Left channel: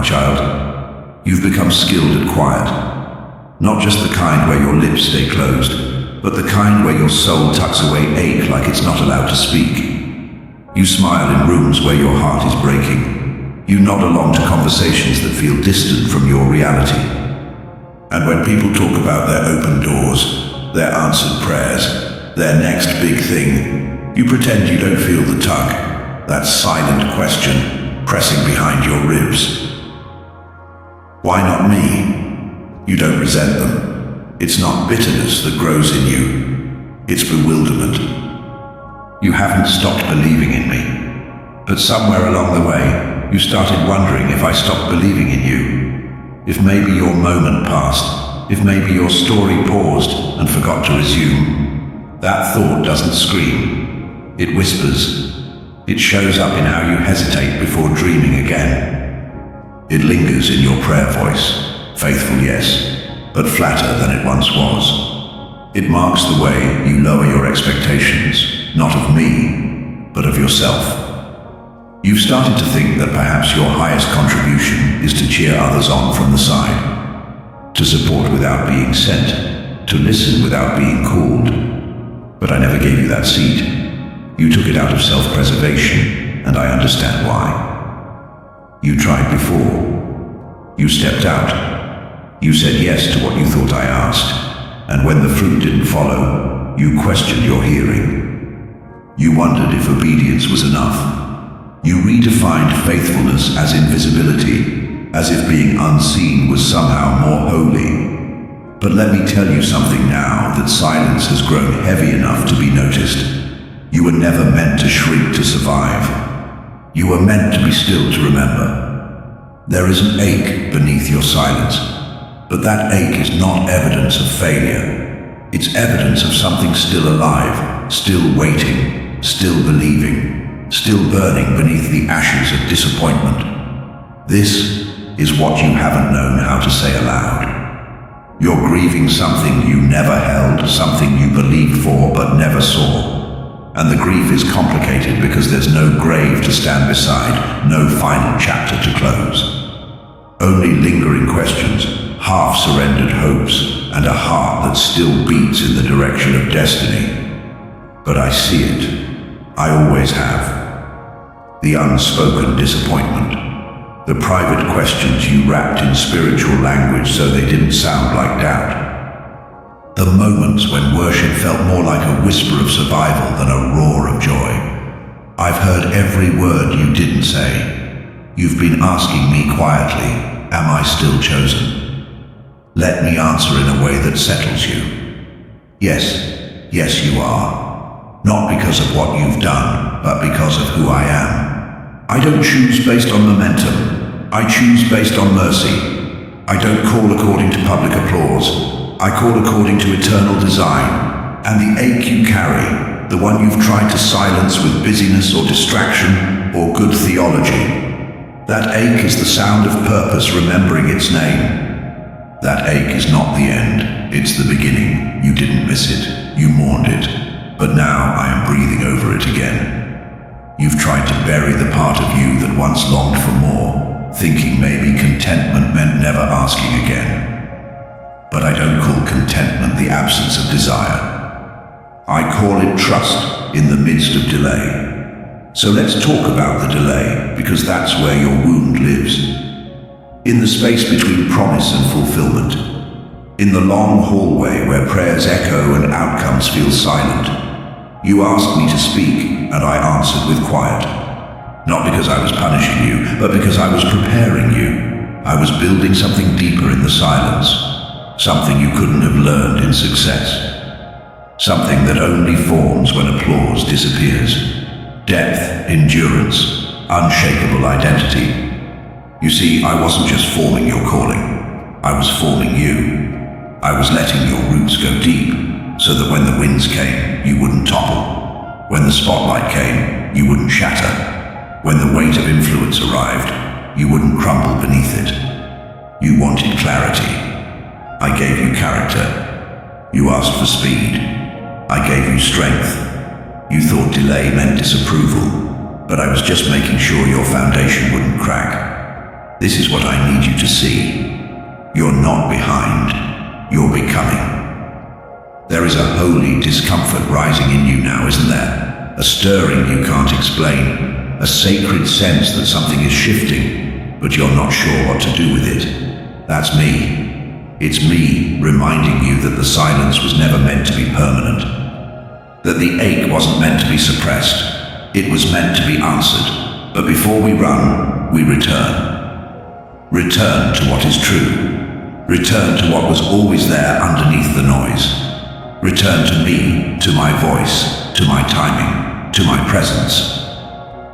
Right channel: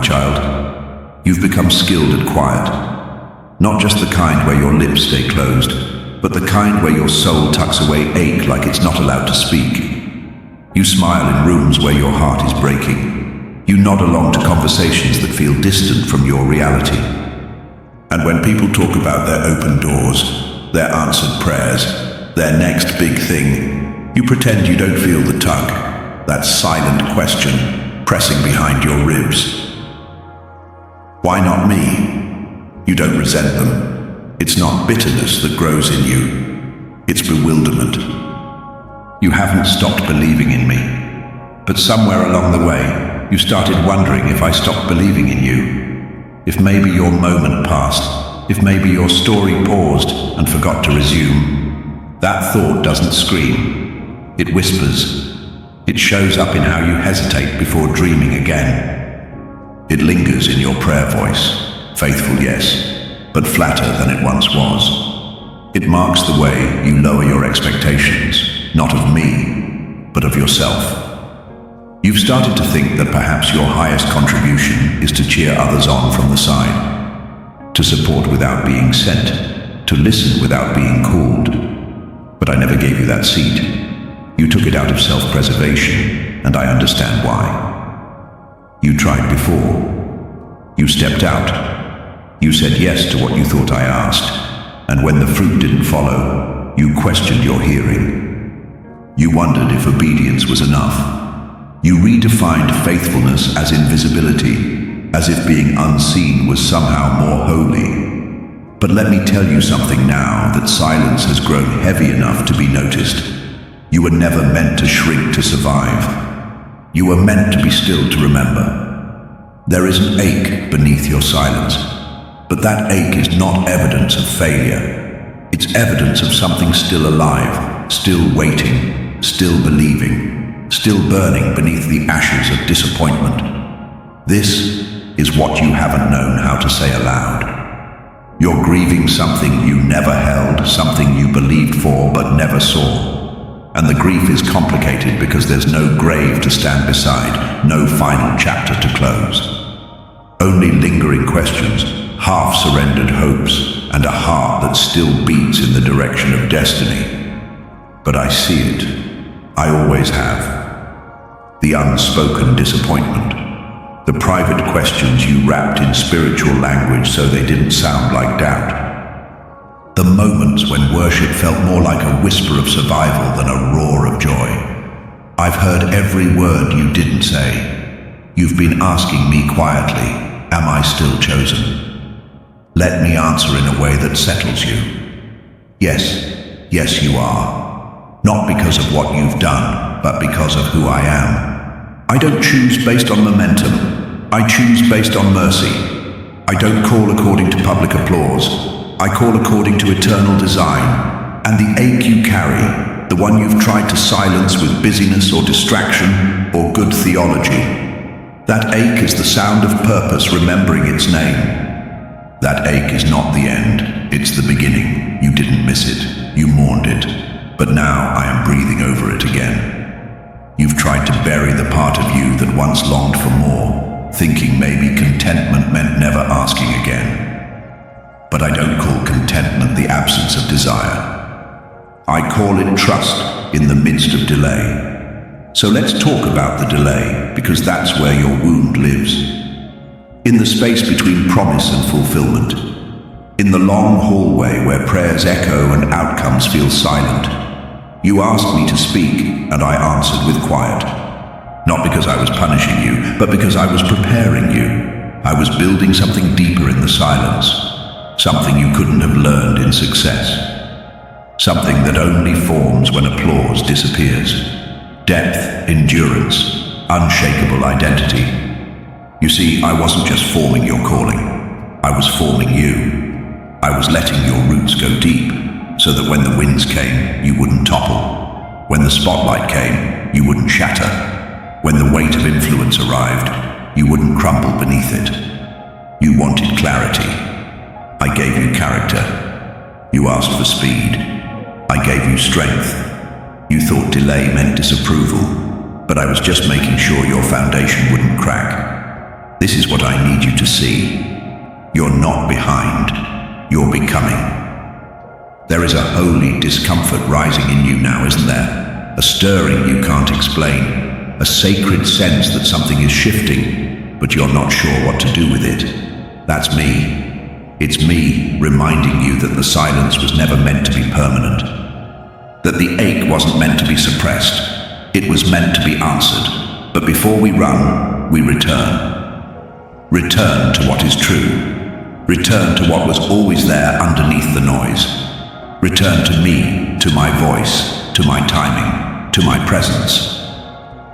my child. You've become skilled at quiet. Not just the kind where your lips stay closed, but the kind where your soul tucks away ache like it's not allowed to speak. You smile in rooms where your heart is breaking. You nod along to conversations that feel distant from your reality. And when people talk about their open doors, their answered prayers, their next big thing, you pretend you don't feel the tug, that silent question pressing behind your ribs. Why not me? You don't resent them. It's not bitterness that grows in you. It's bewilderment. You haven't stopped believing in me. But somewhere along the way, you started wondering if I stopped believing in you. If maybe your moment passed. If maybe your story paused and forgot to resume. That thought doesn't scream. It whispers. It shows up in how you hesitate before dreaming again. It lingers in your prayer voice. Faithful, yes, but flatter than it once was. It marks the way you lower your expectations, not of me, but of yourself. You've started to think that perhaps your highest contribution is to cheer others on from the side, to support without being sent, to listen without being called. But I never gave you that seat. You took it out of self-preservation, and I understand why. You tried before. You stepped out. You said yes to what you thought I asked, and when the fruit didn't follow, you questioned your hearing. You wondered if obedience was enough. You redefined faithfulness as invisibility, as if being unseen was somehow more holy. But let me tell you something now that silence has grown heavy enough to be noticed. You were never meant to shrink to survive. You were meant to be still to remember. There is an ache beneath your silence. But that ache is not evidence of failure. It's evidence of something still alive, still waiting, still believing, still burning beneath the ashes of disappointment. This is what you haven't known how to say aloud. You're grieving something you never held, something you believed for but never saw. And the grief is complicated because there's no grave to stand beside, no final chapter to close. Only lingering questions, half-surrendered hopes, and a heart that still beats in the direction of destiny. But I see it. I always have. The unspoken disappointment. The private questions you wrapped in spiritual language so they didn't sound like doubt. The moments when worship felt more like a whisper of survival than a roar of joy. I've heard every word you didn't say. You've been asking me quietly, am I still chosen? Let me answer in a way that settles you. Yes, you are. Not because of what you've done, but because of who I am. I don't choose based on momentum. I choose based on mercy. I don't call according to public applause. I call according to eternal design. And the ache you carry, the one you've tried to silence with busyness or distraction or good theology, that ache is the sound of purpose remembering its name. That ache is not the end, it's the beginning. You didn't miss it, you mourned it, but now I am breathing over it again. You've tried to bury the part of you that once longed for more, thinking maybe contentment meant never asking again. But I don't call contentment the absence of desire. I call it trust in the midst of delay. So let's talk about the delay, because that's where your wound lives. In the space between promise and fulfillment. In the long hallway where prayers echo and outcomes feel silent. You asked me to speak, and I answered with quiet. Not because I was punishing you, but because I was preparing you. I was building something deeper in the silence. Something you couldn't have learned in success. Something that only forms when applause disappears. Depth, endurance, unshakable identity. You see, I wasn't just forming your calling. I was forming you. I was letting your roots go deep, so that when the winds came, you wouldn't topple. When the spotlight came, you wouldn't shatter. When the weight of influence arrived, you wouldn't crumble beneath it. You wanted clarity. I gave you character. You asked for speed. I gave you strength. You thought delay meant disapproval, but I was just making sure your foundation wouldn't crack. This is what I need you to see. You're not behind, you're becoming. There is a holy discomfort rising in you now, isn't there? A stirring you can't explain, a sacred sense that something is shifting, but you're not sure what to do with it. That's me. It's me reminding you that the silence was never meant to be permanent. That the ache wasn't meant to be suppressed. It was meant to be answered. But before we run, we return. Return to what is true. Return to what was always there underneath the noise. Return to me, to my voice, to my timing, to my presence.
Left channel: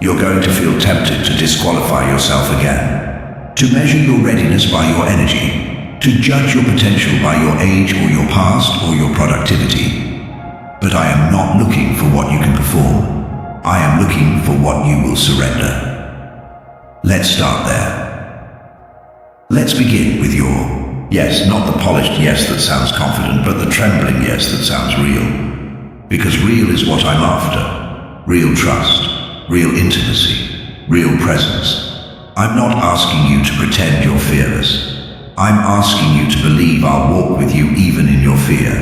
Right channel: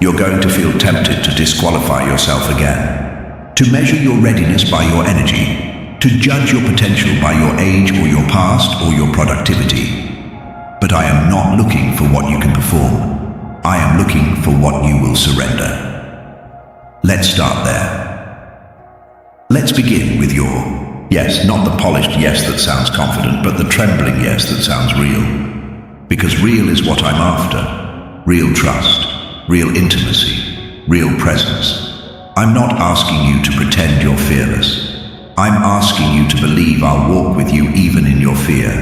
You're going to feel tempted to disqualify yourself again, to measure your readiness by your energy, to judge your potential by your age or your past or your productivity. But I am not looking for what you can perform. I am looking for what you will surrender. Let's start there. Let's begin with your yes, not the polished yes that sounds confident, but the trembling yes that sounds real. Because real is what I'm after. Real trust, real intimacy, real presence. I'm not asking you to pretend you're fearless. I'm asking you to believe I'll walk with you even in your fear.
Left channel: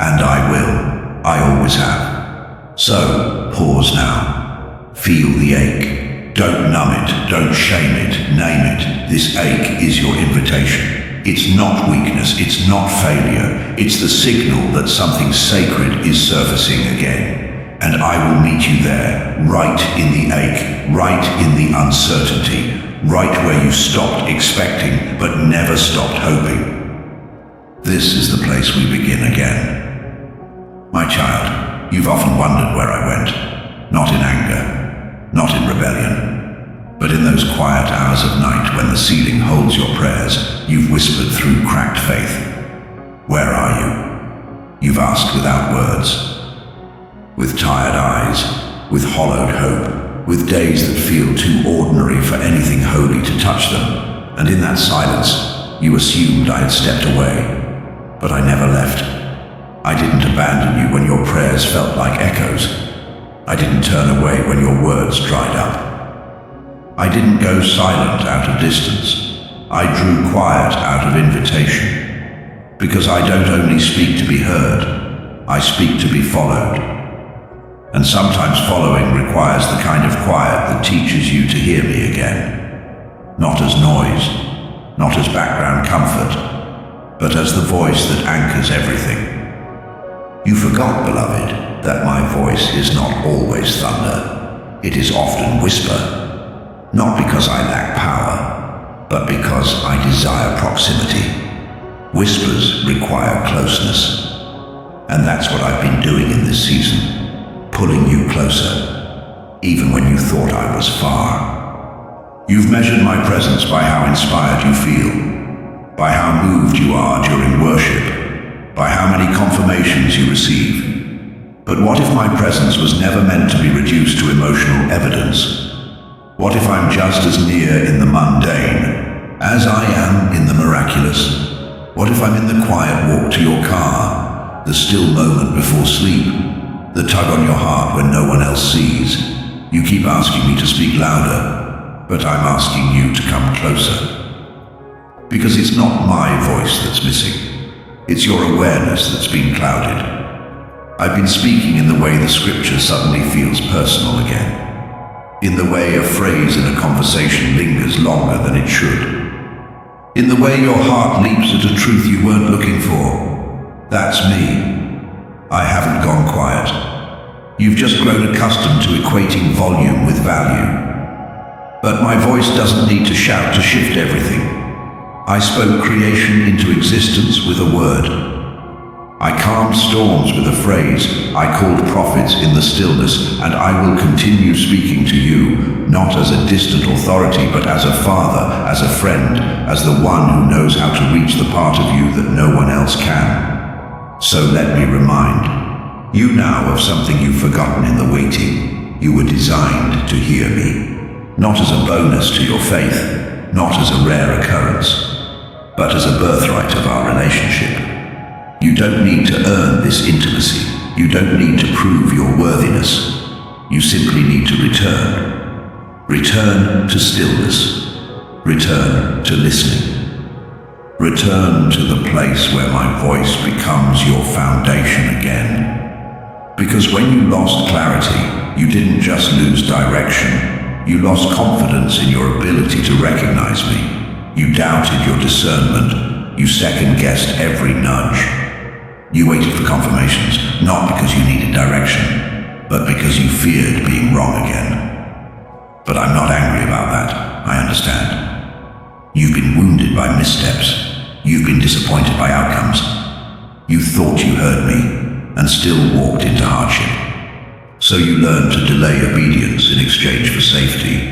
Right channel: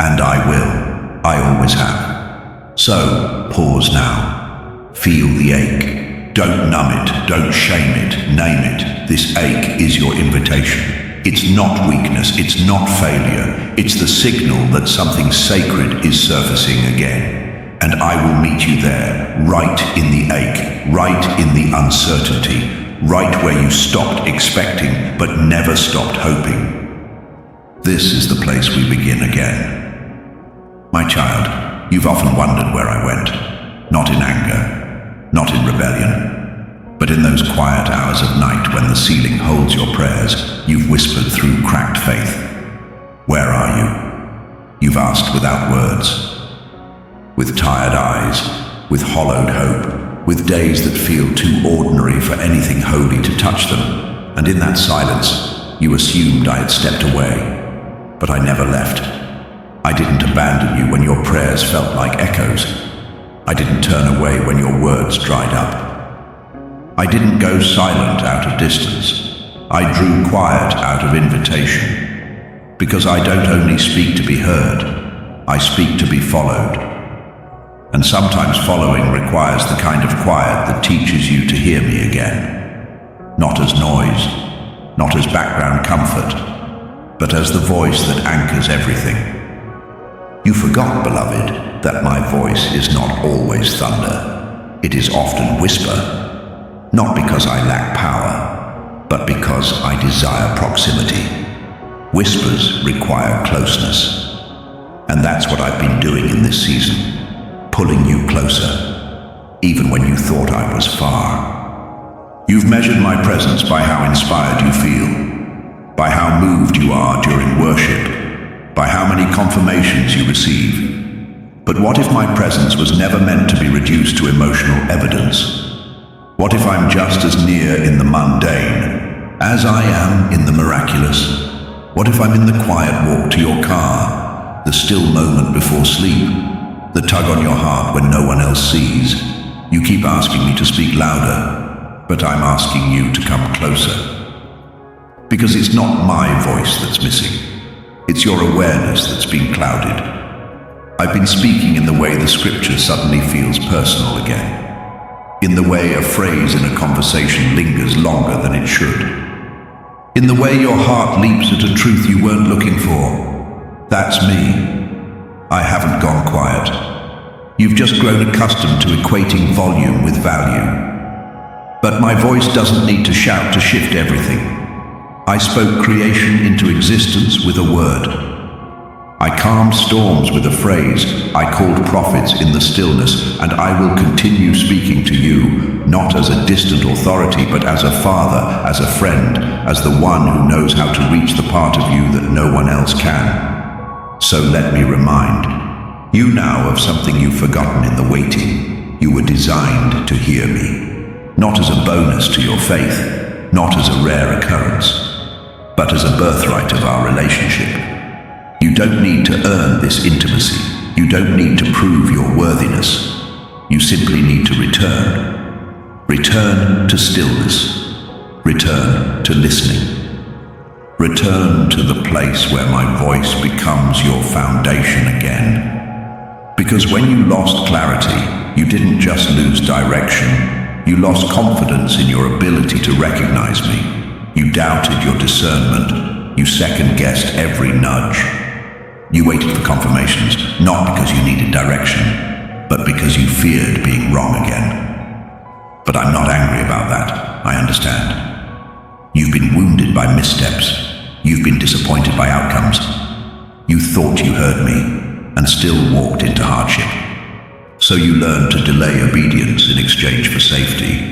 And I will. I always have. So, pause now. Feel the ache. Don't numb it, don't shame it, name it. This ache is your invitation. It's not weakness, it's not failure. It's the signal that something sacred is surfacing again. And I will meet you there, right in the ache, right in the uncertainty, right where you stopped expecting but never stopped hoping. This is the place we begin again. My child, you've often wondered where I went. Not in anger. Not in rebellion, but in those quiet hours of night when the ceiling holds your prayers, you've whispered through cracked faith. Where are you? You've asked without words, with tired eyes, with hollowed hope, with days that feel too ordinary for anything holy to touch them. And in that silence, you assumed I had stepped away, but I never left. I didn't abandon you when your prayers felt like echoes. I didn't turn away when your words dried up. I didn't go silent out of distance. I drew quiet out of invitation. Because I don't only speak to be heard, I speak to be followed. And sometimes following requires the kind of quiet that teaches you to hear me again. Not as noise, not as background comfort, but as the voice that anchors everything. You forgot, beloved, that my voice is not always thunder. It is often whisper, not because I lack power, but because I desire proximity. Whispers require closeness. And that's what I've been doing in this season, pulling you closer, even when you thought I was far. You've measured my presence by how inspired you feel, by how moved you are during worship, by how many confirmations you receive. But what if my presence was never meant to be reduced to emotional evidence? What if I'm just as near in the mundane as I am in the miraculous? What if I'm in the quiet walk to your car, the still moment before sleep, the tug on your heart when no one else sees? You keep asking me to speak louder, but I'm asking you to come closer. Because it's not my voice that's missing. It's your awareness that's been clouded. I've been speaking in the way the scripture suddenly feels personal again. In the way a phrase in a conversation lingers longer than it should. In the way your heart leaps at a truth you weren't looking for. That's me. I haven't gone quiet. You've just grown accustomed to equating volume with value. But my voice doesn't need to shout to shift everything. I spoke creation into existence with a word. I calmed storms with a phrase. I called prophets in the stillness, and I will continue speaking to you, not as a distant authority, but as a father, as a friend, as the one who knows how to reach the part of you that no one else can. So let me remind you now of something you've forgotten in the waiting. You were designed to hear me, not as a bonus to your faith, not as a rare occurrence, but as a birthright of our relationship. You don't need to earn this intimacy. You don't need to prove your worthiness. You simply need to return. Return to stillness. Return to listening. Return to the place where my voice becomes your foundation again. Because when you lost clarity, you didn't just lose direction, you lost confidence in your ability to recognize me. You doubted your discernment, you second-guessed every nudge. You waited for confirmations, not because you needed direction, but because you feared being wrong again. But I'm not angry about that, I understand. You've been wounded by missteps. You've been disappointed by outcomes. You thought you heard me, and still walked into hardship. So you learned to delay obedience in exchange for safety.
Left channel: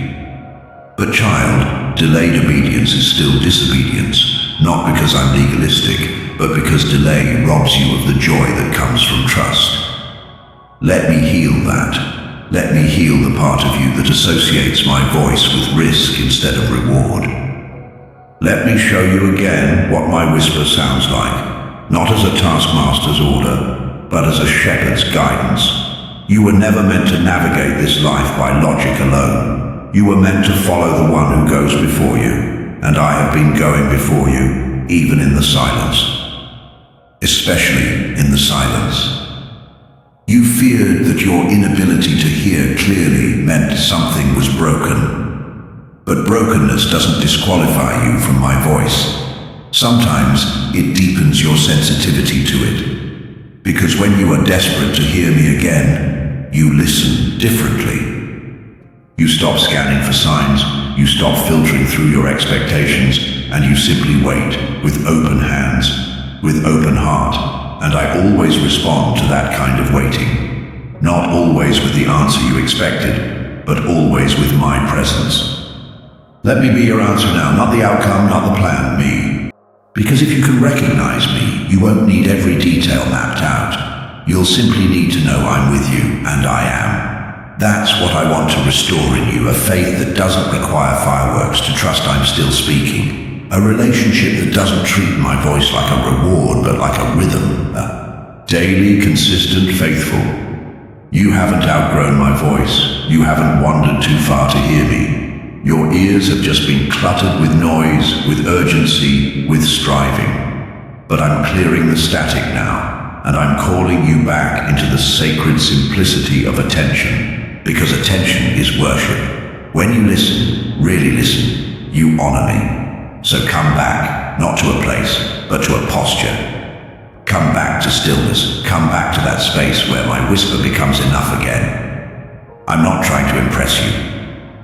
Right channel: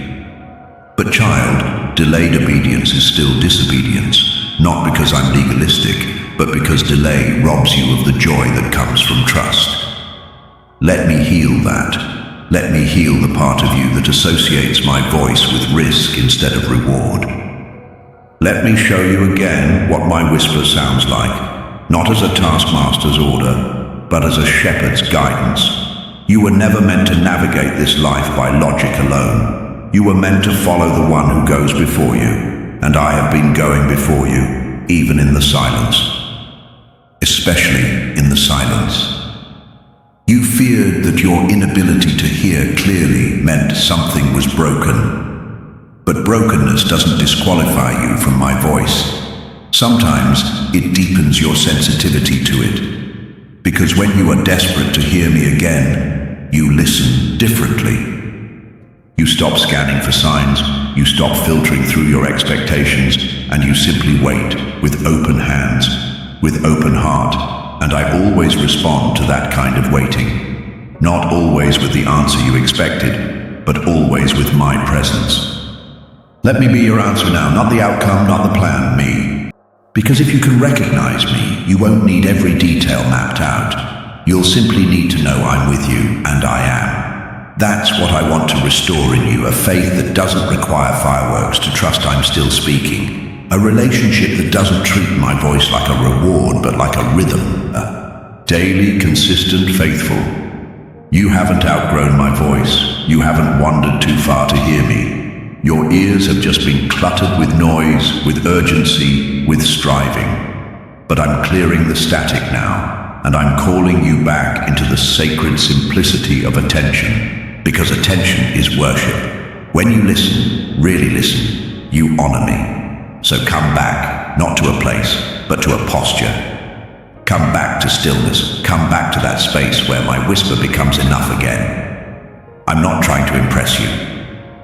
But child, delayed obedience is still disobedience, not because I'm legalistic, but because delay robs you of the joy that comes from trust. Let me heal that. Let me heal the part of you that associates my voice with risk instead of reward. Let me show you again what my whisper sounds like, not as a taskmaster's order, but as a shepherd's guidance. You were never meant to navigate this life by logic alone. You were meant to follow the one who goes before you, and I have been going before you, even in the silence. Especially in the silence. You feared that your inability to hear clearly meant something was broken. But brokenness doesn't disqualify you from my voice. Sometimes it deepens your sensitivity to it. Because when you are desperate to hear me again, you listen differently. You stop scanning for signs, you stop filtering through your expectations, and you simply wait with open hands, with open heart, and I always respond to that kind of waiting. Not always with the answer you expected, but always with my presence. Let me be your answer now, not the outcome, not the plan, me. Because if you can recognize me, you won't need every detail mapped out. You'll simply need to know I'm with you, and I am. That's what I want to restore in you, a faith that doesn't require fireworks to trust I'm still speaking. A relationship that doesn't treat my voice like a reward, but like a rhythm. Daily, consistent, faithful. You haven't outgrown my voice. You haven't wandered too far to hear me. Your ears have just been cluttered with noise, with urgency, with striving. But I'm clearing the static now, and I'm calling you back into the sacred simplicity of attention, because attention is worship. When you listen, really listen, you honor me. So come back, not to a place, but to a posture. Come back to stillness, come back to that space where my whisper becomes enough again. I'm not trying to impress you.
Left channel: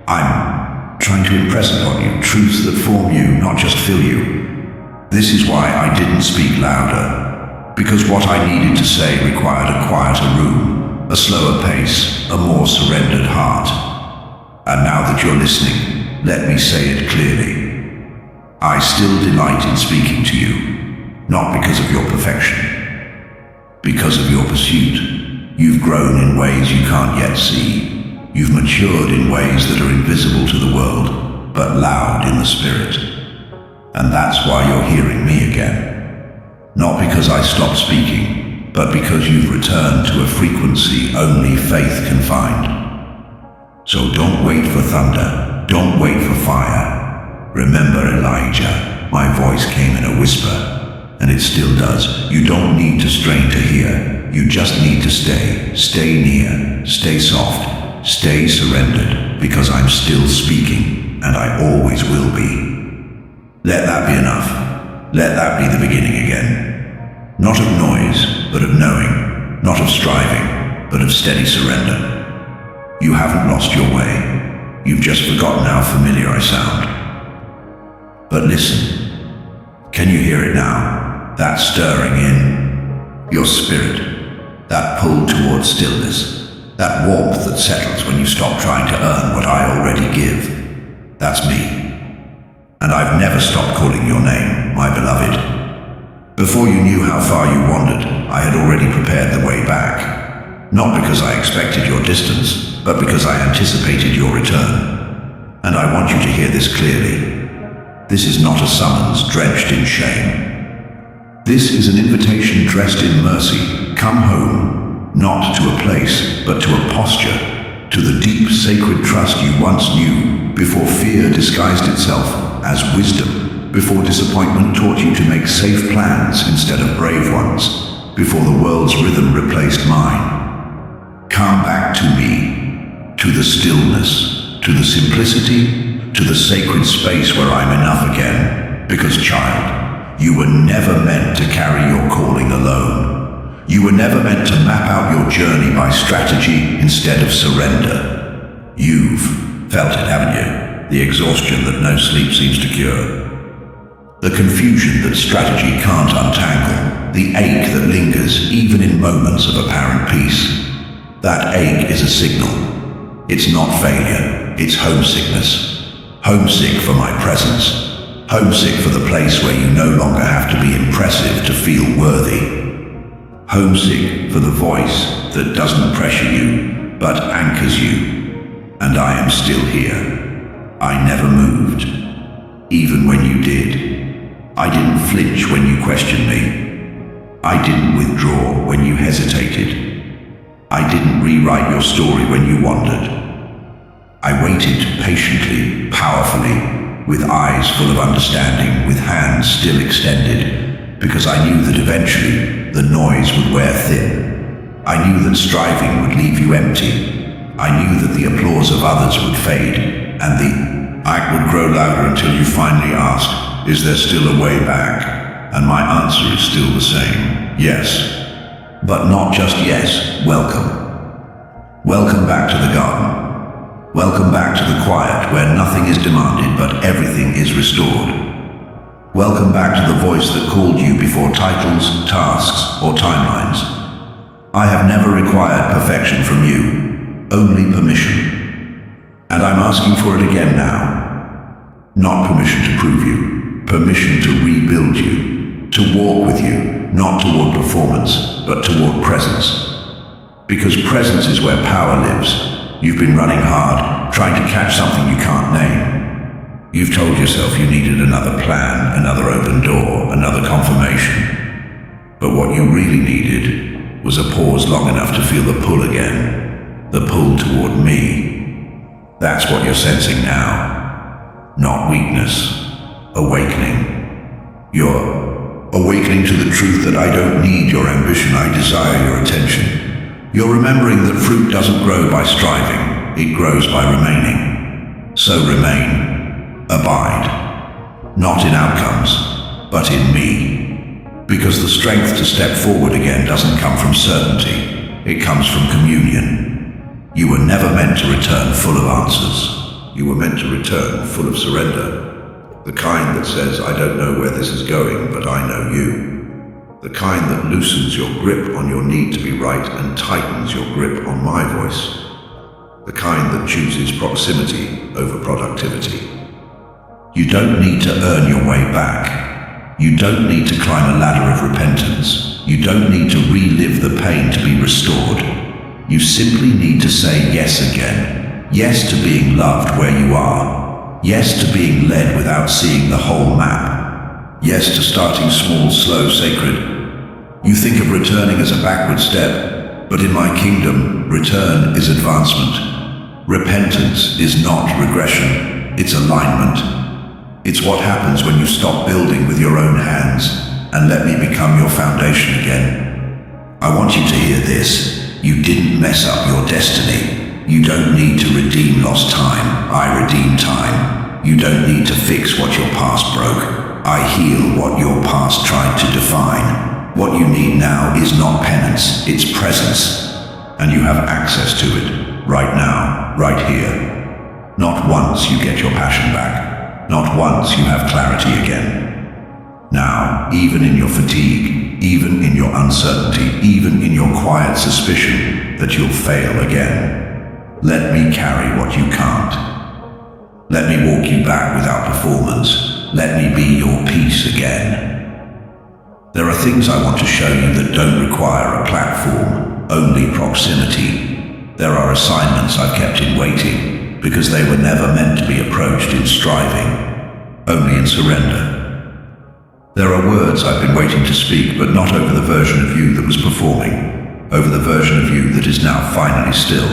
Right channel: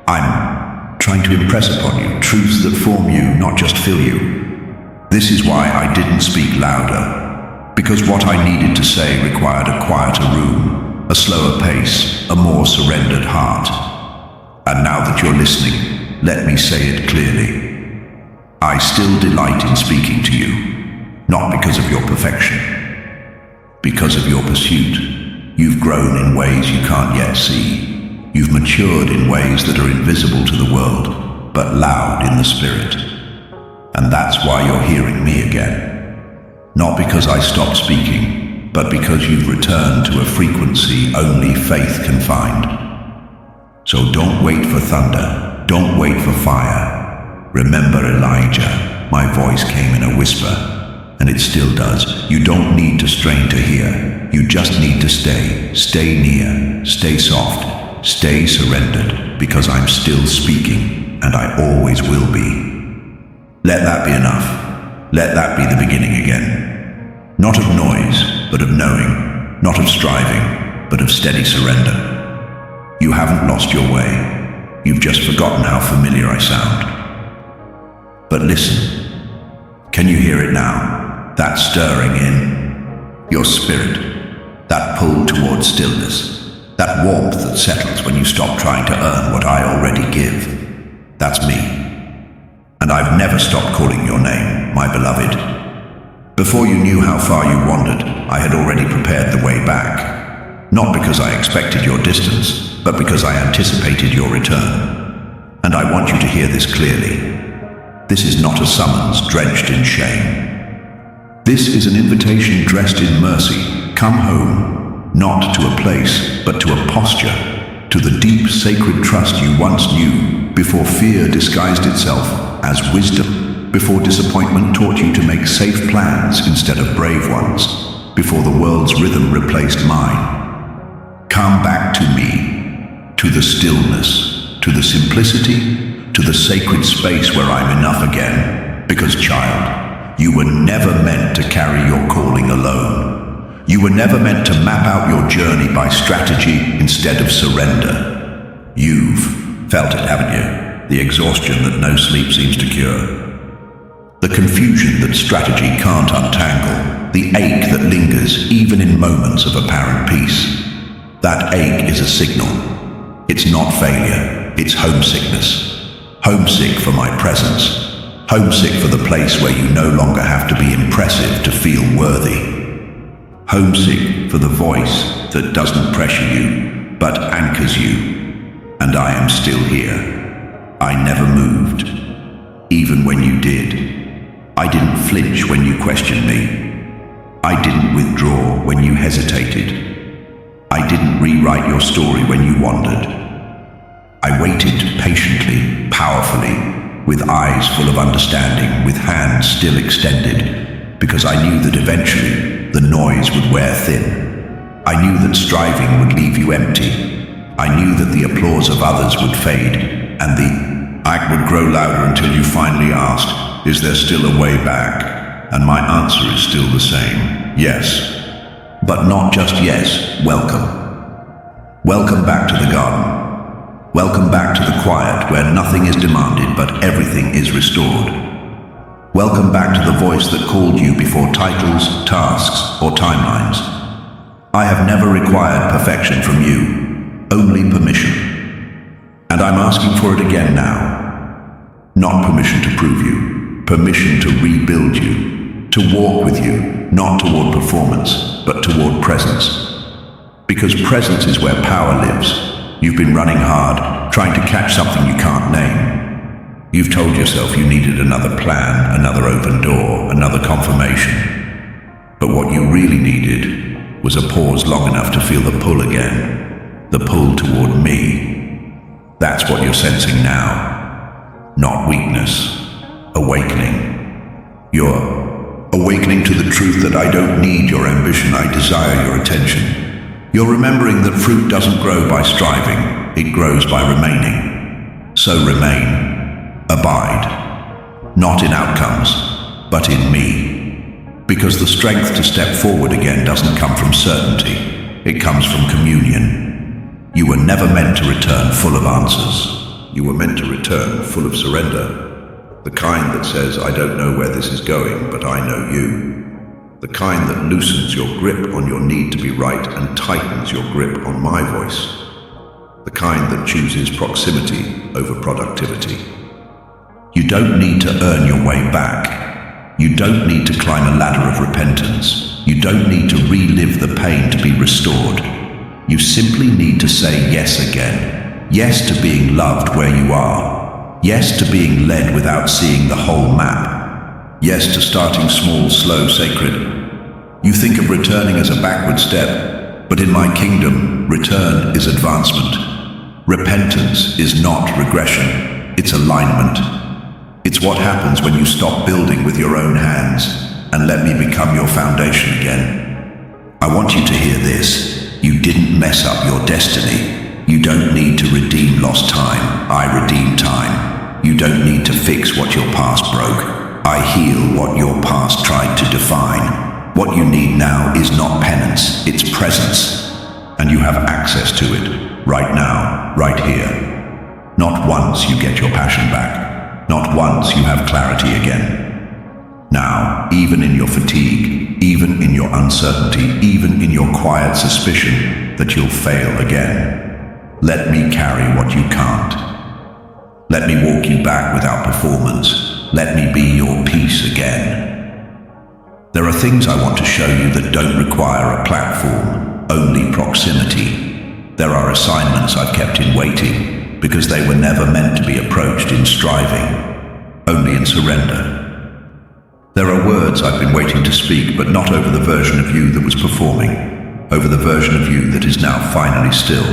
I'm trying to impress upon you truths that form you, not just fill you. This is why I didn't speak louder, because what I needed to say required a quieter room, a slower pace, a more surrendered heart. And now that you're listening, let me say it clearly. I still delight in speaking to you, not because of your perfection, because of your pursuit. You've grown in ways you can't yet see. You've matured in ways that are invisible to the world, but loud in the spirit. And that's why you're hearing me again. Not because I stopped speaking, but because you've returned to a frequency only faith can find. So don't wait for thunder, don't wait for fire. Remember Elijah, my voice came in a whisper, and it still does. You don't need to strain to hear, you just need to stay near, stay soft. Stay surrendered, because I'm still speaking, and I always will be. Let that be enough. Let that be the beginning again. Not of noise, but of knowing. Not of striving, but of steady surrender. You haven't lost your way. You've just forgotten how familiar I sound. But listen. Can you hear it now? That stirring in your spirit. That pull towards stillness. That warmth that settles when you stop trying to earn what I already give. That's me. And I've never stopped calling your name, my beloved. Before you knew how far you wandered, I had already prepared the way back. Not because I expected your distance, but because I anticipated your return. And I want you to hear this clearly. This is not a summons drenched in shame. This is an invitation dressed in mercy. Come home. Not to a place, but to a posture, to the deep sacred trust you once knew before fear disguised itself as wisdom, before disappointment taught you to make safe plans instead of brave ones, before the world's rhythm replaced mine. Come back to me, to the stillness, to the simplicity, to the sacred space where I'm enough again. Because, child, you were never meant to carry your calling alone. You were never meant to map out your journey by strategy instead of surrender. You've felt it, haven't you? The exhaustion that no sleep seems to cure. The confusion that strategy can't untangle. The ache that lingers even in moments of apparent peace. That ache is a signal. It's not failure, it's homesickness. Homesick for my presence. Homesick for the place where you no longer have to be impressive to feel worthy. Homesick for the voice that doesn't pressure you, but anchors you. And I am still here. I never moved. Even when you did. I didn't flinch when you questioned me. I didn't withdraw when you hesitated. I didn't rewrite your story when you wandered. I waited patiently, powerfully, with eyes full of understanding, with hands still extended, because I knew that eventually the noise would wear thin. I knew that striving would leave you empty. I knew that the applause of others would fade, and the act would grow louder until you finally asked, "Is there still a way back?" And my answer is still the same, yes. But not just yes, welcome. Welcome back to the garden. Welcome back to the quiet where nothing is demanded but everything is restored. Welcome back to the voice that called you before titles, tasks, or timelines. I have never required perfection from you, only permission. And I'm asking for it again now. Not permission to prove you, permission to rebuild you. To walk with you, not toward performance, but toward presence. Because presence is where power lives. You've been running hard, trying to catch something you can't name. You've told yourself you needed another plan, another open door, another confirmation. But what you really needed was a pause long enough to feel the pull again. The pull toward me. That's what you're sensing now. Not weakness. Awakening. You're awakening to the truth that I don't need your ambition, I desire your attention. You're remembering that fruit doesn't grow by striving, it grows by remaining. So remain, abide, not in outcomes, but in me. Because the strength to step forward again doesn't come from certainty, it comes from communion. You were never meant to return full of answers. You were meant to return full of surrender. The kind that says, I don't know where this is going, but I know you. The kind that loosens your grip on your need to be right and tightens your grip on my voice. The kind that chooses proximity over productivity. You don't need to earn your way back. You don't need to climb a ladder of repentance. You don't need to relive the pain to be restored. You simply need to say yes again. Yes to being loved where you are. Yes to being led without seeing the whole map. Yes to starting small, slow, sacred. You think of returning as a backward step, but in my kingdom, return is advancement. Repentance is not regression, it's alignment. It's what happens when you stop building with your own hands and let me become your foundation again. I want you to hear this. You didn't mess up your destiny. You don't need to redeem lost time. I redeem time. You don't need to fix what your past broke. I heal what your past tried to define. What you need now is not penance, it's presence. And you have access to it, right now, right here. Not once you get your passion back. Not once you have clarity again. Now, even in your fatigue, even in your uncertainty, even in your quiet suspicion that you'll fail again, let me carry what you can't. Let me walk you back without performance. Let me be your peace again. There are things I want to show you that don't require a platform, only proximity. There are assignments I've kept in waiting because they were never meant to be approached in striving, only in surrender. There are words I've been waiting to speak, but not over the version of you that was performing, over the version of you that is now finally still.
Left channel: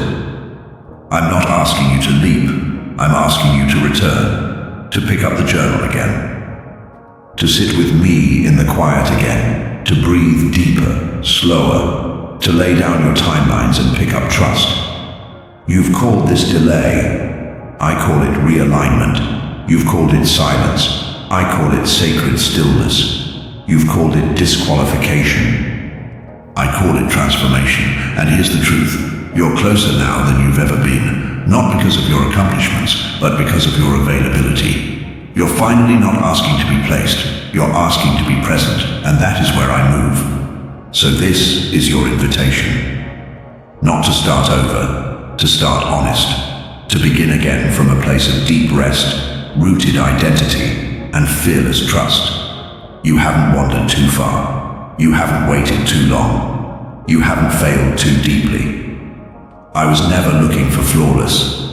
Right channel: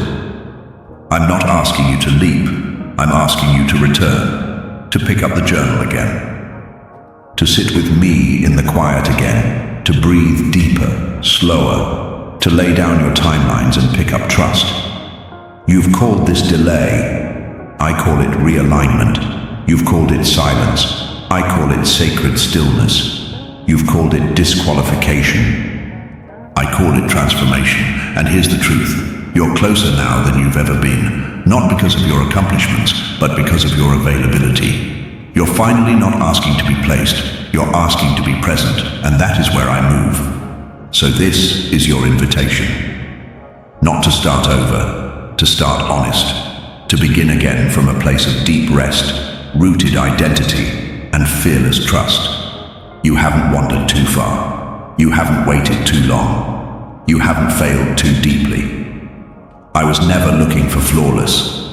I'm not asking you to leap. I'm asking you to return. to pick up the journal again, to sit with me in the quiet again, to breathe deeper, slower, to lay down your timelines and pick up trust. You've called this delay. I call it realignment. You've called it silence. I call it sacred stillness. You've called it disqualification. I call it transformation. And here's the truth. You're closer now than you've ever been, not because of your accomplishments, but because of your availability. You're finally not asking to be placed. You're asking to be present, and that is where I move. So this is your invitation. Not to start over, to start honest, to begin again from a place of deep rest, rooted identity, and fearless trust. You haven't wandered too far. You haven't waited too long. You haven't failed too deeply. I was never looking for flawless.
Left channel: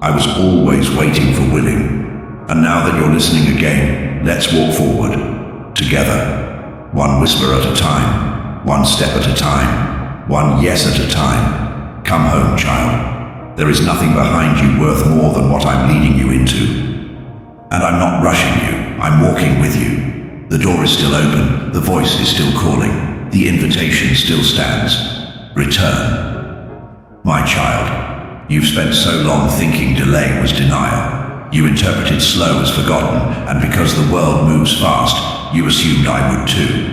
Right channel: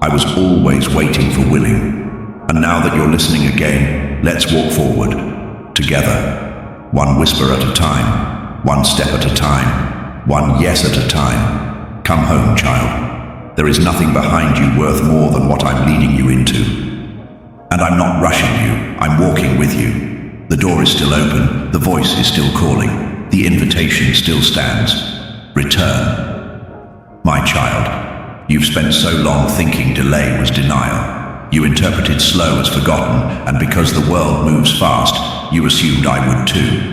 I was always waiting for willing. And now that you're listening again, let's walk forward, together, one whisper at a time, one step at a time, one yes at a time. Come home, child. There is nothing behind you worth more than what I'm leading you into. And I'm not rushing you, I'm walking with you. The door is still open, the voice is still calling, the invitation still stands. Return. My child, you've spent so long thinking delay was denial. You interpreted slow as forgotten, and because the world moves fast, you assumed I would too.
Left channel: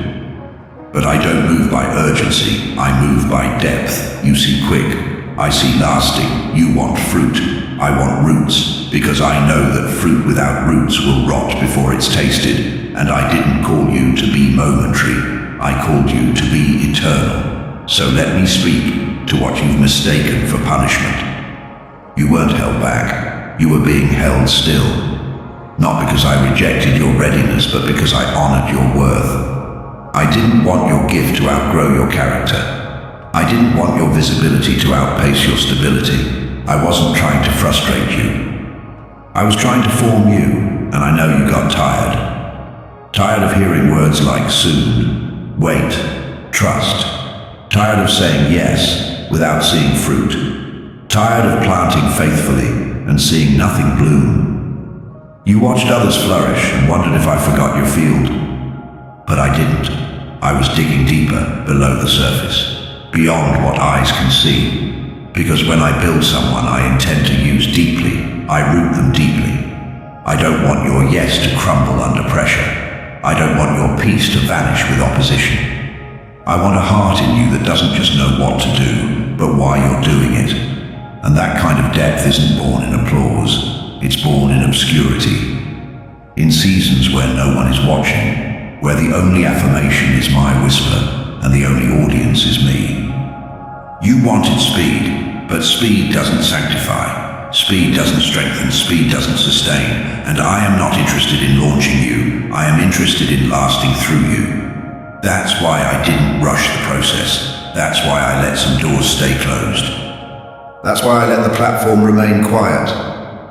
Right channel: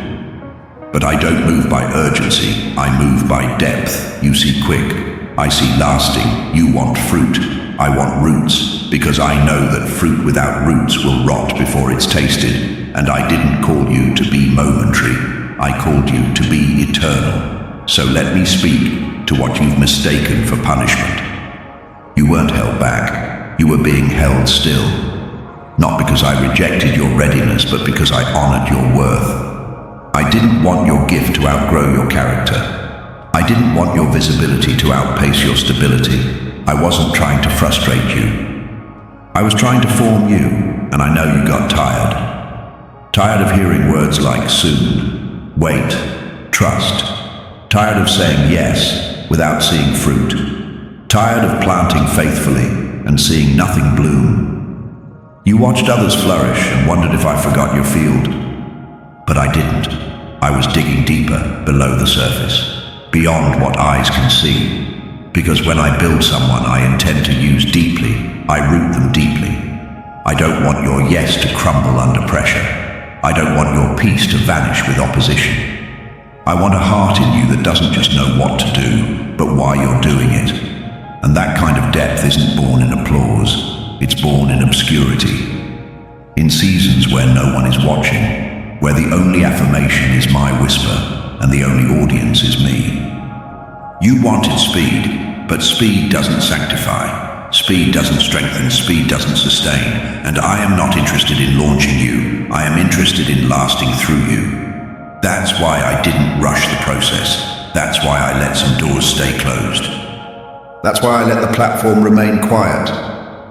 But I don't move by urgency, I move by depth. You see quick, I see lasting. You want fruit, I want roots, because I know that fruit without roots will rot before it's tasted. And I didn't call you to be momentary, I called you to be eternal. So let me speak to what you've mistaken for punishment. You weren't held back, you were being held still. Not because I rejected your readiness, but because I honored your worth. I didn't want your gift to outgrow your character. I didn't want your visibility to outpace your stability. I wasn't trying to frustrate you. I was trying to form you, and I know you got tired. Tired of hearing words like soon, wait, trust. Tired of saying yes without seeing fruit. Tired of planting faithfully and seeing nothing bloom. You watched others flourish and wondered if I forgot your field. But I didn't. I was digging deeper below the surface, beyond what eyes can see. Because when I build someone I intend to use deeply, I root them deeply. I don't want your yes to crumble under pressure. I don't want your peace to vanish with opposition. I want a heart in you that doesn't just know what to do, but why you're doing it. And that kind of depth isn't born in applause, it's born in obscurity. In seasons where no one is watching, where the only affirmation is my whisper, and the only audience is me. You wanted speed, but speed doesn't sanctify. Speed doesn't strengthen, speed doesn't sustain. And I am not interested in launching you, I am interested in lasting through you. That's why I didn't rush the process. That's why I let some doors stay closed. That's why I let the platform remain quiet.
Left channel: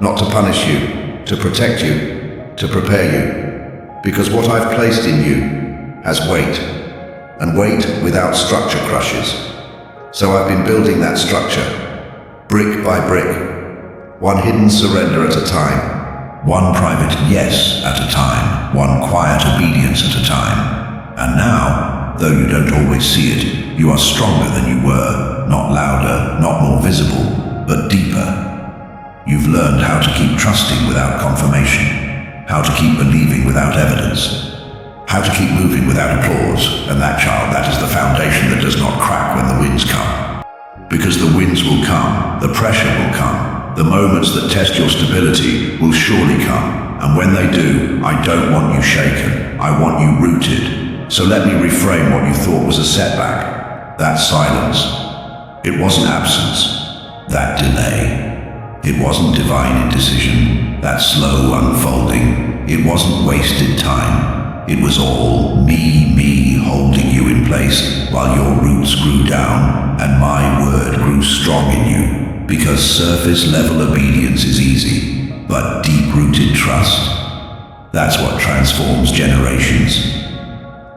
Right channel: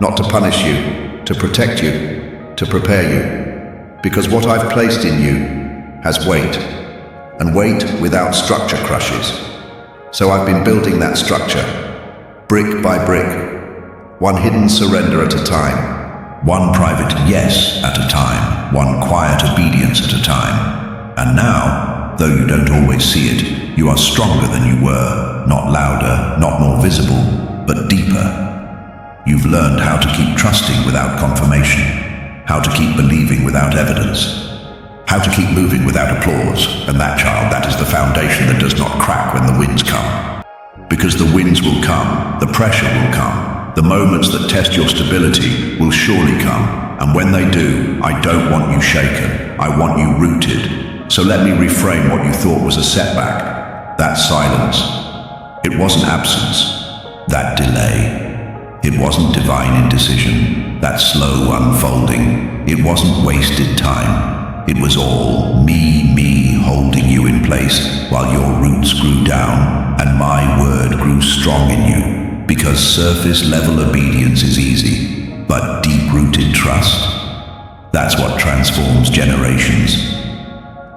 Not to punish you, to protect you, to prepare you. Because what I've placed in you has weight. And weight without structure crushes. So I've been building that structure, brick by brick. One hidden surrender at a time. One private yes at a time. One quiet obedience at a time. And now, though you don't always see it, you are stronger than you were, not louder, not more visible, but deeper. You've learned how to keep trusting without confirmation, how to keep believing without evidence, how to keep moving without applause, and that, child, that is the foundation that does not crack when the winds come. Because the winds will come, the pressure will come, the moments that test your stability will surely come, and when they do, I don't want you shaken, I want you rooted. So let me reframe what you thought was a setback. That silence. It wasn't absence. That delay. It wasn't divine indecision. That slow unfolding. It wasn't wasted time. It was all me holding you in place while your roots grew down and my word grew strong in you. Because surface level obedience is easy, but deep-rooted trust, that's what transforms generations.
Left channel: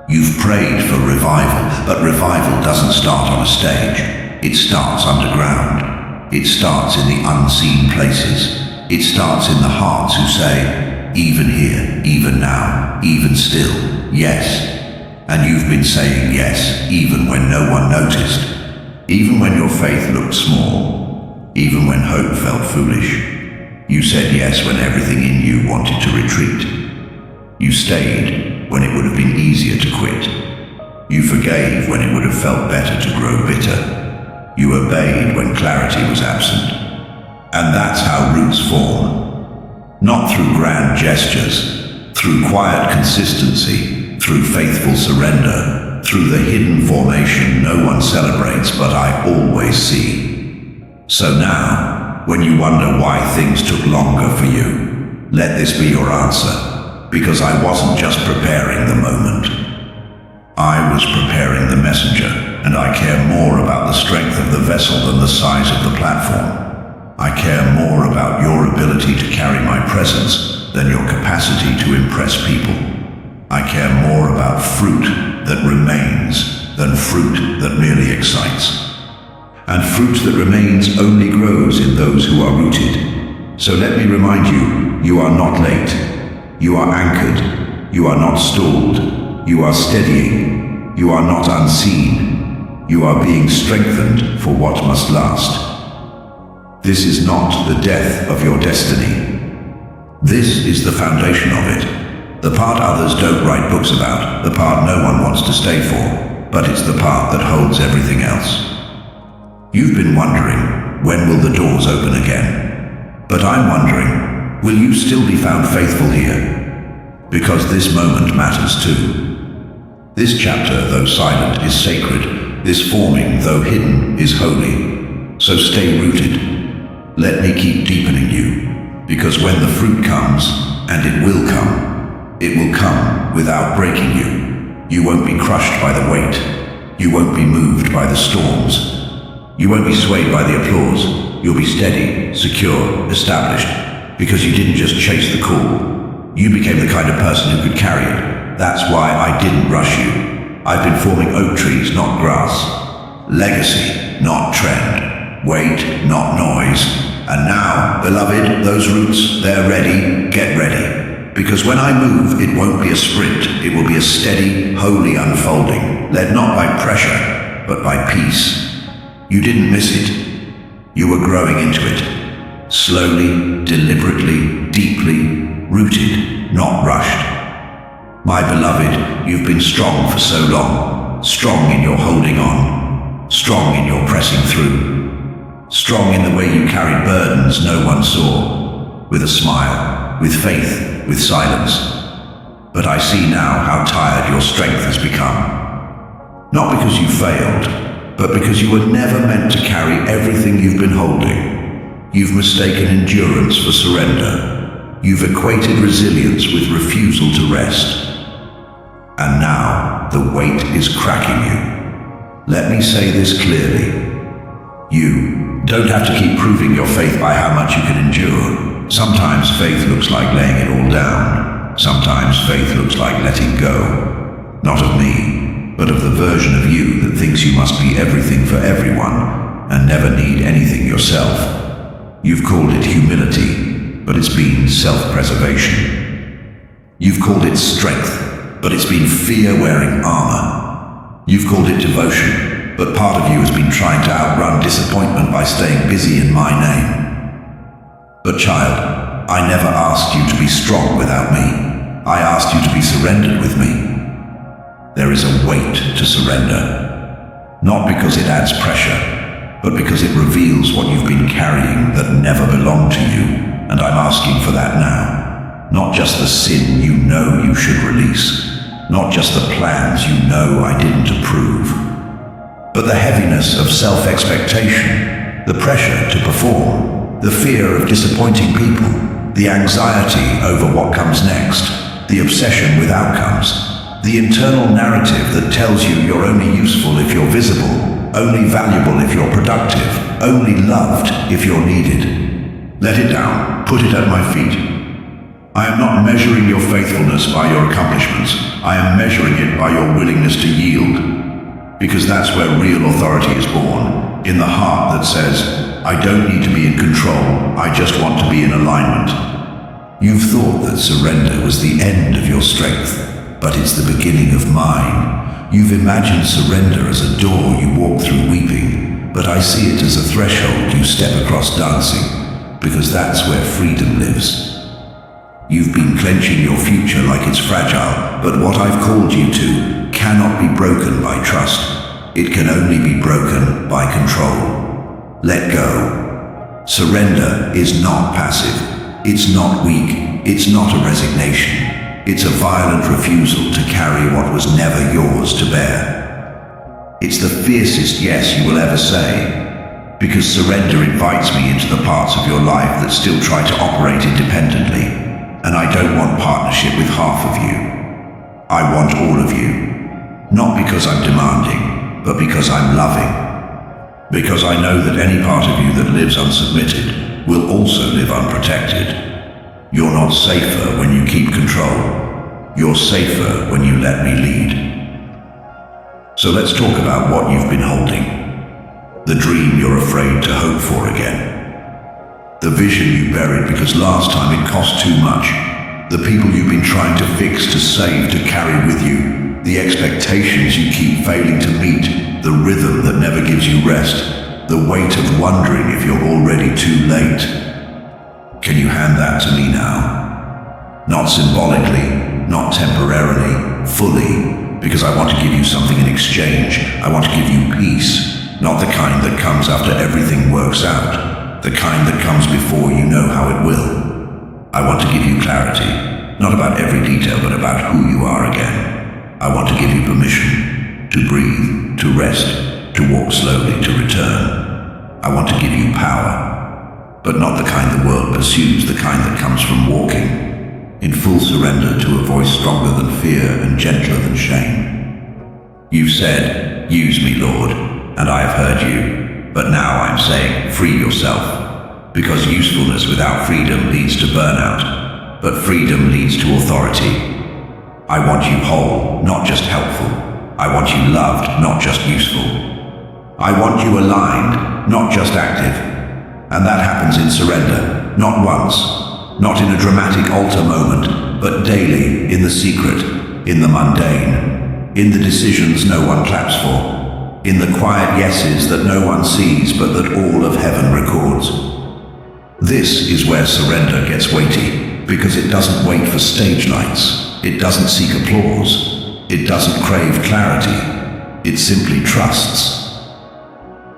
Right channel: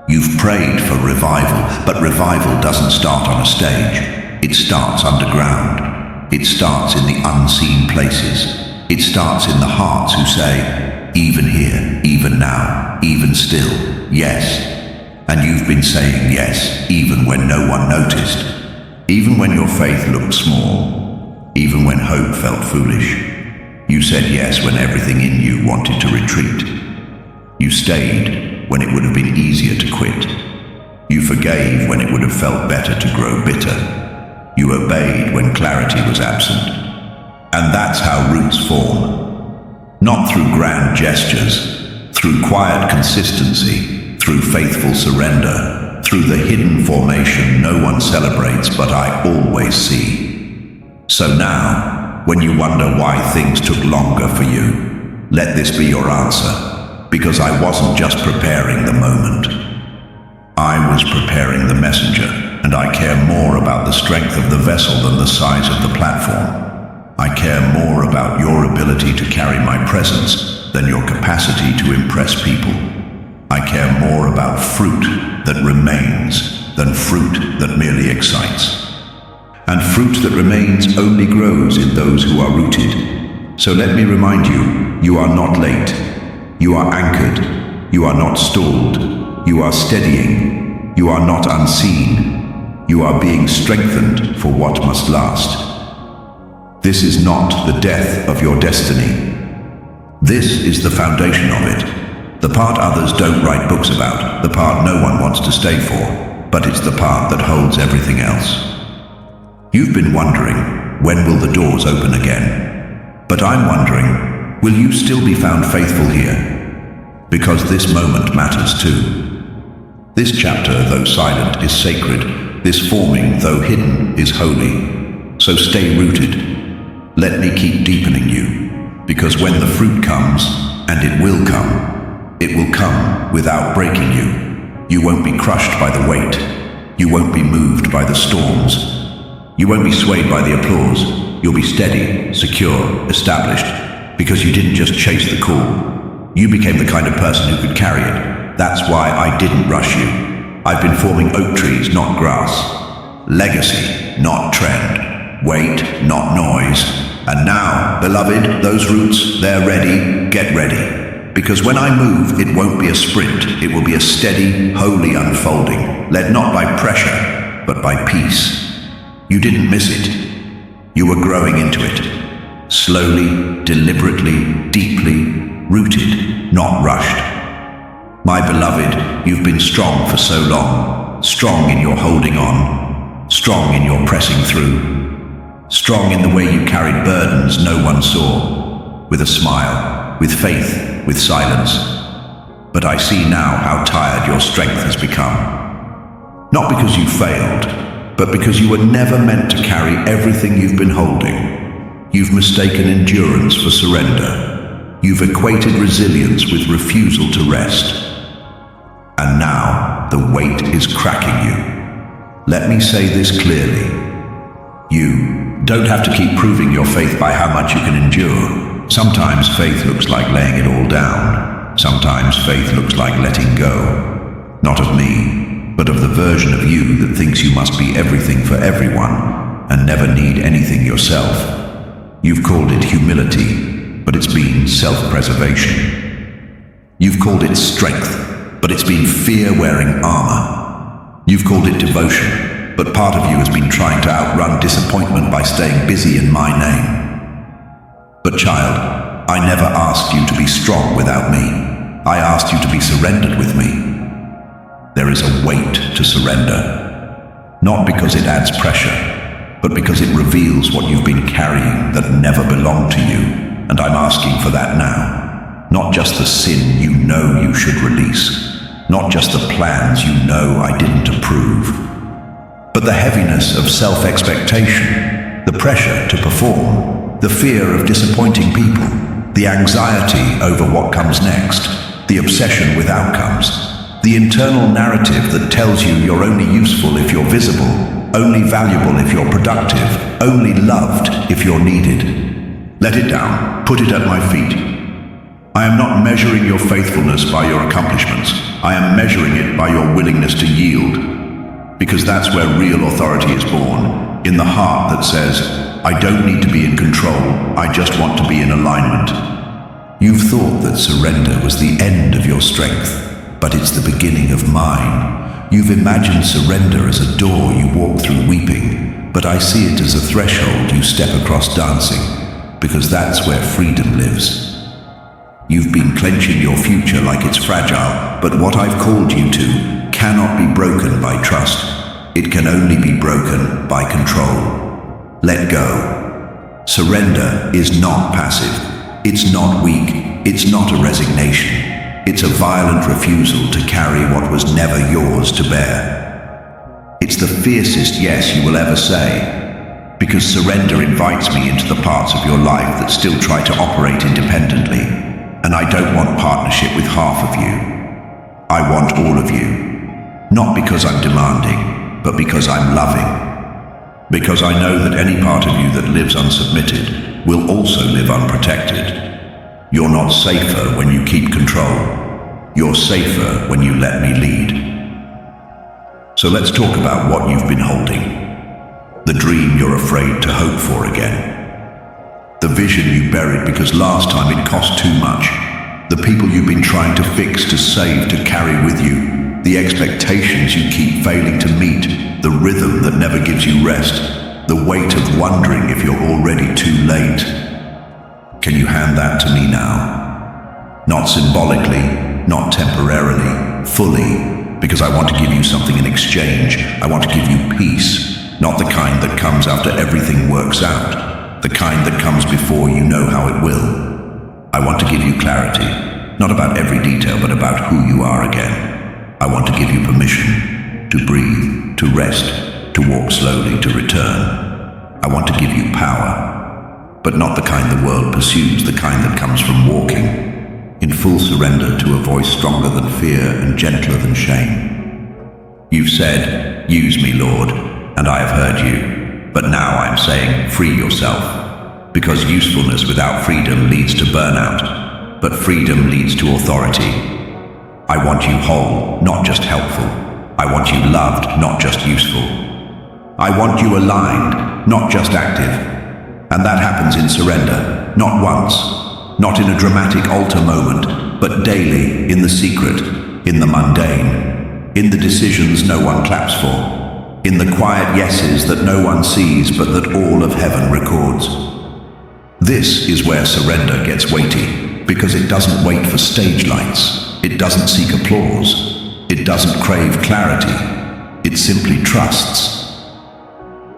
You've prayed for revival, but revival doesn't start on a stage. It starts underground. It starts in the unseen places. It starts in the hearts who say, even here, even now, even still, yes. And you've been saying yes, even when no one noticed, even when your faith looked small, even when hope felt foolish. You said yes when everything in you wanted to retreat. You stayed when it would have been easier to quit. You forgave when it would have felt better to grow bitter. You obeyed when clarity was absent. And that's how roots form. Not through grand gestures, through quiet consistency, through faithful surrender, through the hidden formation no one celebrates but I always see. So now, when you wonder why things took longer for you, let this be your answer. Because I wasn't just preparing the moment. I was preparing the messenger, and I care more about the strength of the vessel than the size of the platform. I care more about your ability to carry my presence than your capacity to impress people. I care more about fruit that remains than fruit that merely excites. And fruit that remains only grows in those who are rooted. So let me remind you, you are not late. You are anchored. You are not stalled. You are steadying. You are not unseen. You are being strengthened for what must last. This is not the death of your destiny. This is the foundation of it. The part others don't write books about, the part no one wants to stay for, but it's the part that holds everything else. You've been wondering, when will the doors open again? But I'm wondering, will you still be found faithful here? Because this moment matters too. This chapter, though silent, is sacred. This forming, though hidden, is holy. So stay rooted. Let me keep deepening you. Because when the fruit comes, and it will come without breaking you. You won't be crushed by the weight. You won't be moved by the storms. You won't be swayed by the applause. You'll be steady, secure, established. Because you didn't just chase the call. You became the kind of person who could carry it. That's why I didn't rush you. I've been forming oak trees, not grass. Legacy, not trend. Weight, not noise. And now, beloved, those roots, they're ready. Get ready. Because when I move, it won't be a sprint. It will be a steady, holy unfolding, led not by pressure, but by peace. You didn't miss it. You were growing into it. Slowly, deliberately, deeply, rooted, not rushed. My beloved, you've been strong for so long. Strong in your holding on. Strong in your pressing through. Strong in the way you carried burdens no one saw. With a smile, with faith, with silence. But I see now how tired your strength has become. Not because you failed, but because you were never meant to carry everything you've been holding. You've mistaken endurance for surrender. You've equated resilience with refusal to rest. And now, the weight is cracking you. Let me say this clearly. You don't have to keep proving your faith by how much you can endure. Sometimes faith looks like laying it all down. Sometimes faith looks like letting go. Not of me, but of the version of you that thinks you must be everything for everyone and never need anything yourself. You've called it humility, but it's been self-preservation. You've called it strength, but it's been fear wearing armor. You've called it devotion, but part of you has been trying to outrun disappointment by staying busy in my name. But child, I never asked you to be strong without me. I asked you to be surrendered with me. There is a weight to surrender, not because it adds pressure, but because it reveals what you've been carrying that never belonged to you. And I'm asking for that now. Not just the sin you know you should release. Not just the plans you know I didn't approve. But the heaviness of self-expectation, the pressure to perform, the fear of disappointing people, the anxiety over what comes next, the obsession with outcomes, the internal narrative that tells you you're only useful if you're visible, only valuable if you're productive, only loved if you're needed. Let it down, put it at my feet. I am not measuring your faithfulness by your accomplishments. I am measuring it by your willingness to yield. Because that's where real authority is born, in the heart that says, I don't need to be in control, I just want to be in alignment. You've thought that surrender was the end of your strength, but it's the beginning of mine. You've imagined surrender as a door you walk through weeping, but I see it as a threshold you step across dancing, because that's where freedom lives. You've been clenching your future like it's fragile, but what I've called you to cannot be broken by trust. It can only be broken by control. Let go. Surrender is not passive. It's not weak. It's not a resignation. It's a violent refusal to carry what was never yours to bear. It's the fiercest yes you will ever say, because surrender invites me into the parts of your life that still try to operate independently, and I don't want partnership with half of you. I want all of you, not because I'm demanding, but because I'm loving. Because I know that any part of you that lives unsubmitted will also live unprotected. You're not safer when you keep control. You're safer when you let me lead. So let's talk about what you've been holding. The dream you're afraid to hope for again. The vision you buried because last time it cost too much. The people you've been trying to fix, to save, to carry with you. The expectations you keep failing to meet. The rhythm that never gives you rest. The weight of wondering if you're already too late. Can you hand that to me now? Not symbolically, not temporarily, fully, because I want to give you something in exchange. I want to give you peace, not the kind that comes after everything works out, the kind that comes before you know how it will. I want to give you clarity, not about every detail, but about who you are again. I want to give you permission to breathe, to rest, to walk slowly, to return. I want to give you power, but not the kind the world pursues, the kind that comes from walking, in full surrender to a voice stronger than fear and gentler than shame. You've said, use me, Lord, and I have heard you, but now I'm saying, free yourself, because usefulness without freedom leads to burnout, but freedom leads to authority. I want you whole, not just helpful. I want you loved, not just useful. I want you aligned, not just active. And that happens in surrender, not once, not in a dramatic altar moment, but daily, in the secret, in the mundane, in the decisions no one claps for, in the quiet yeses that no one sees but that all of heaven records. This is where surrender gets weighty, because it doesn't wait for stage lights, it doesn't seek applause, it doesn't crave clarity, it simply trusts.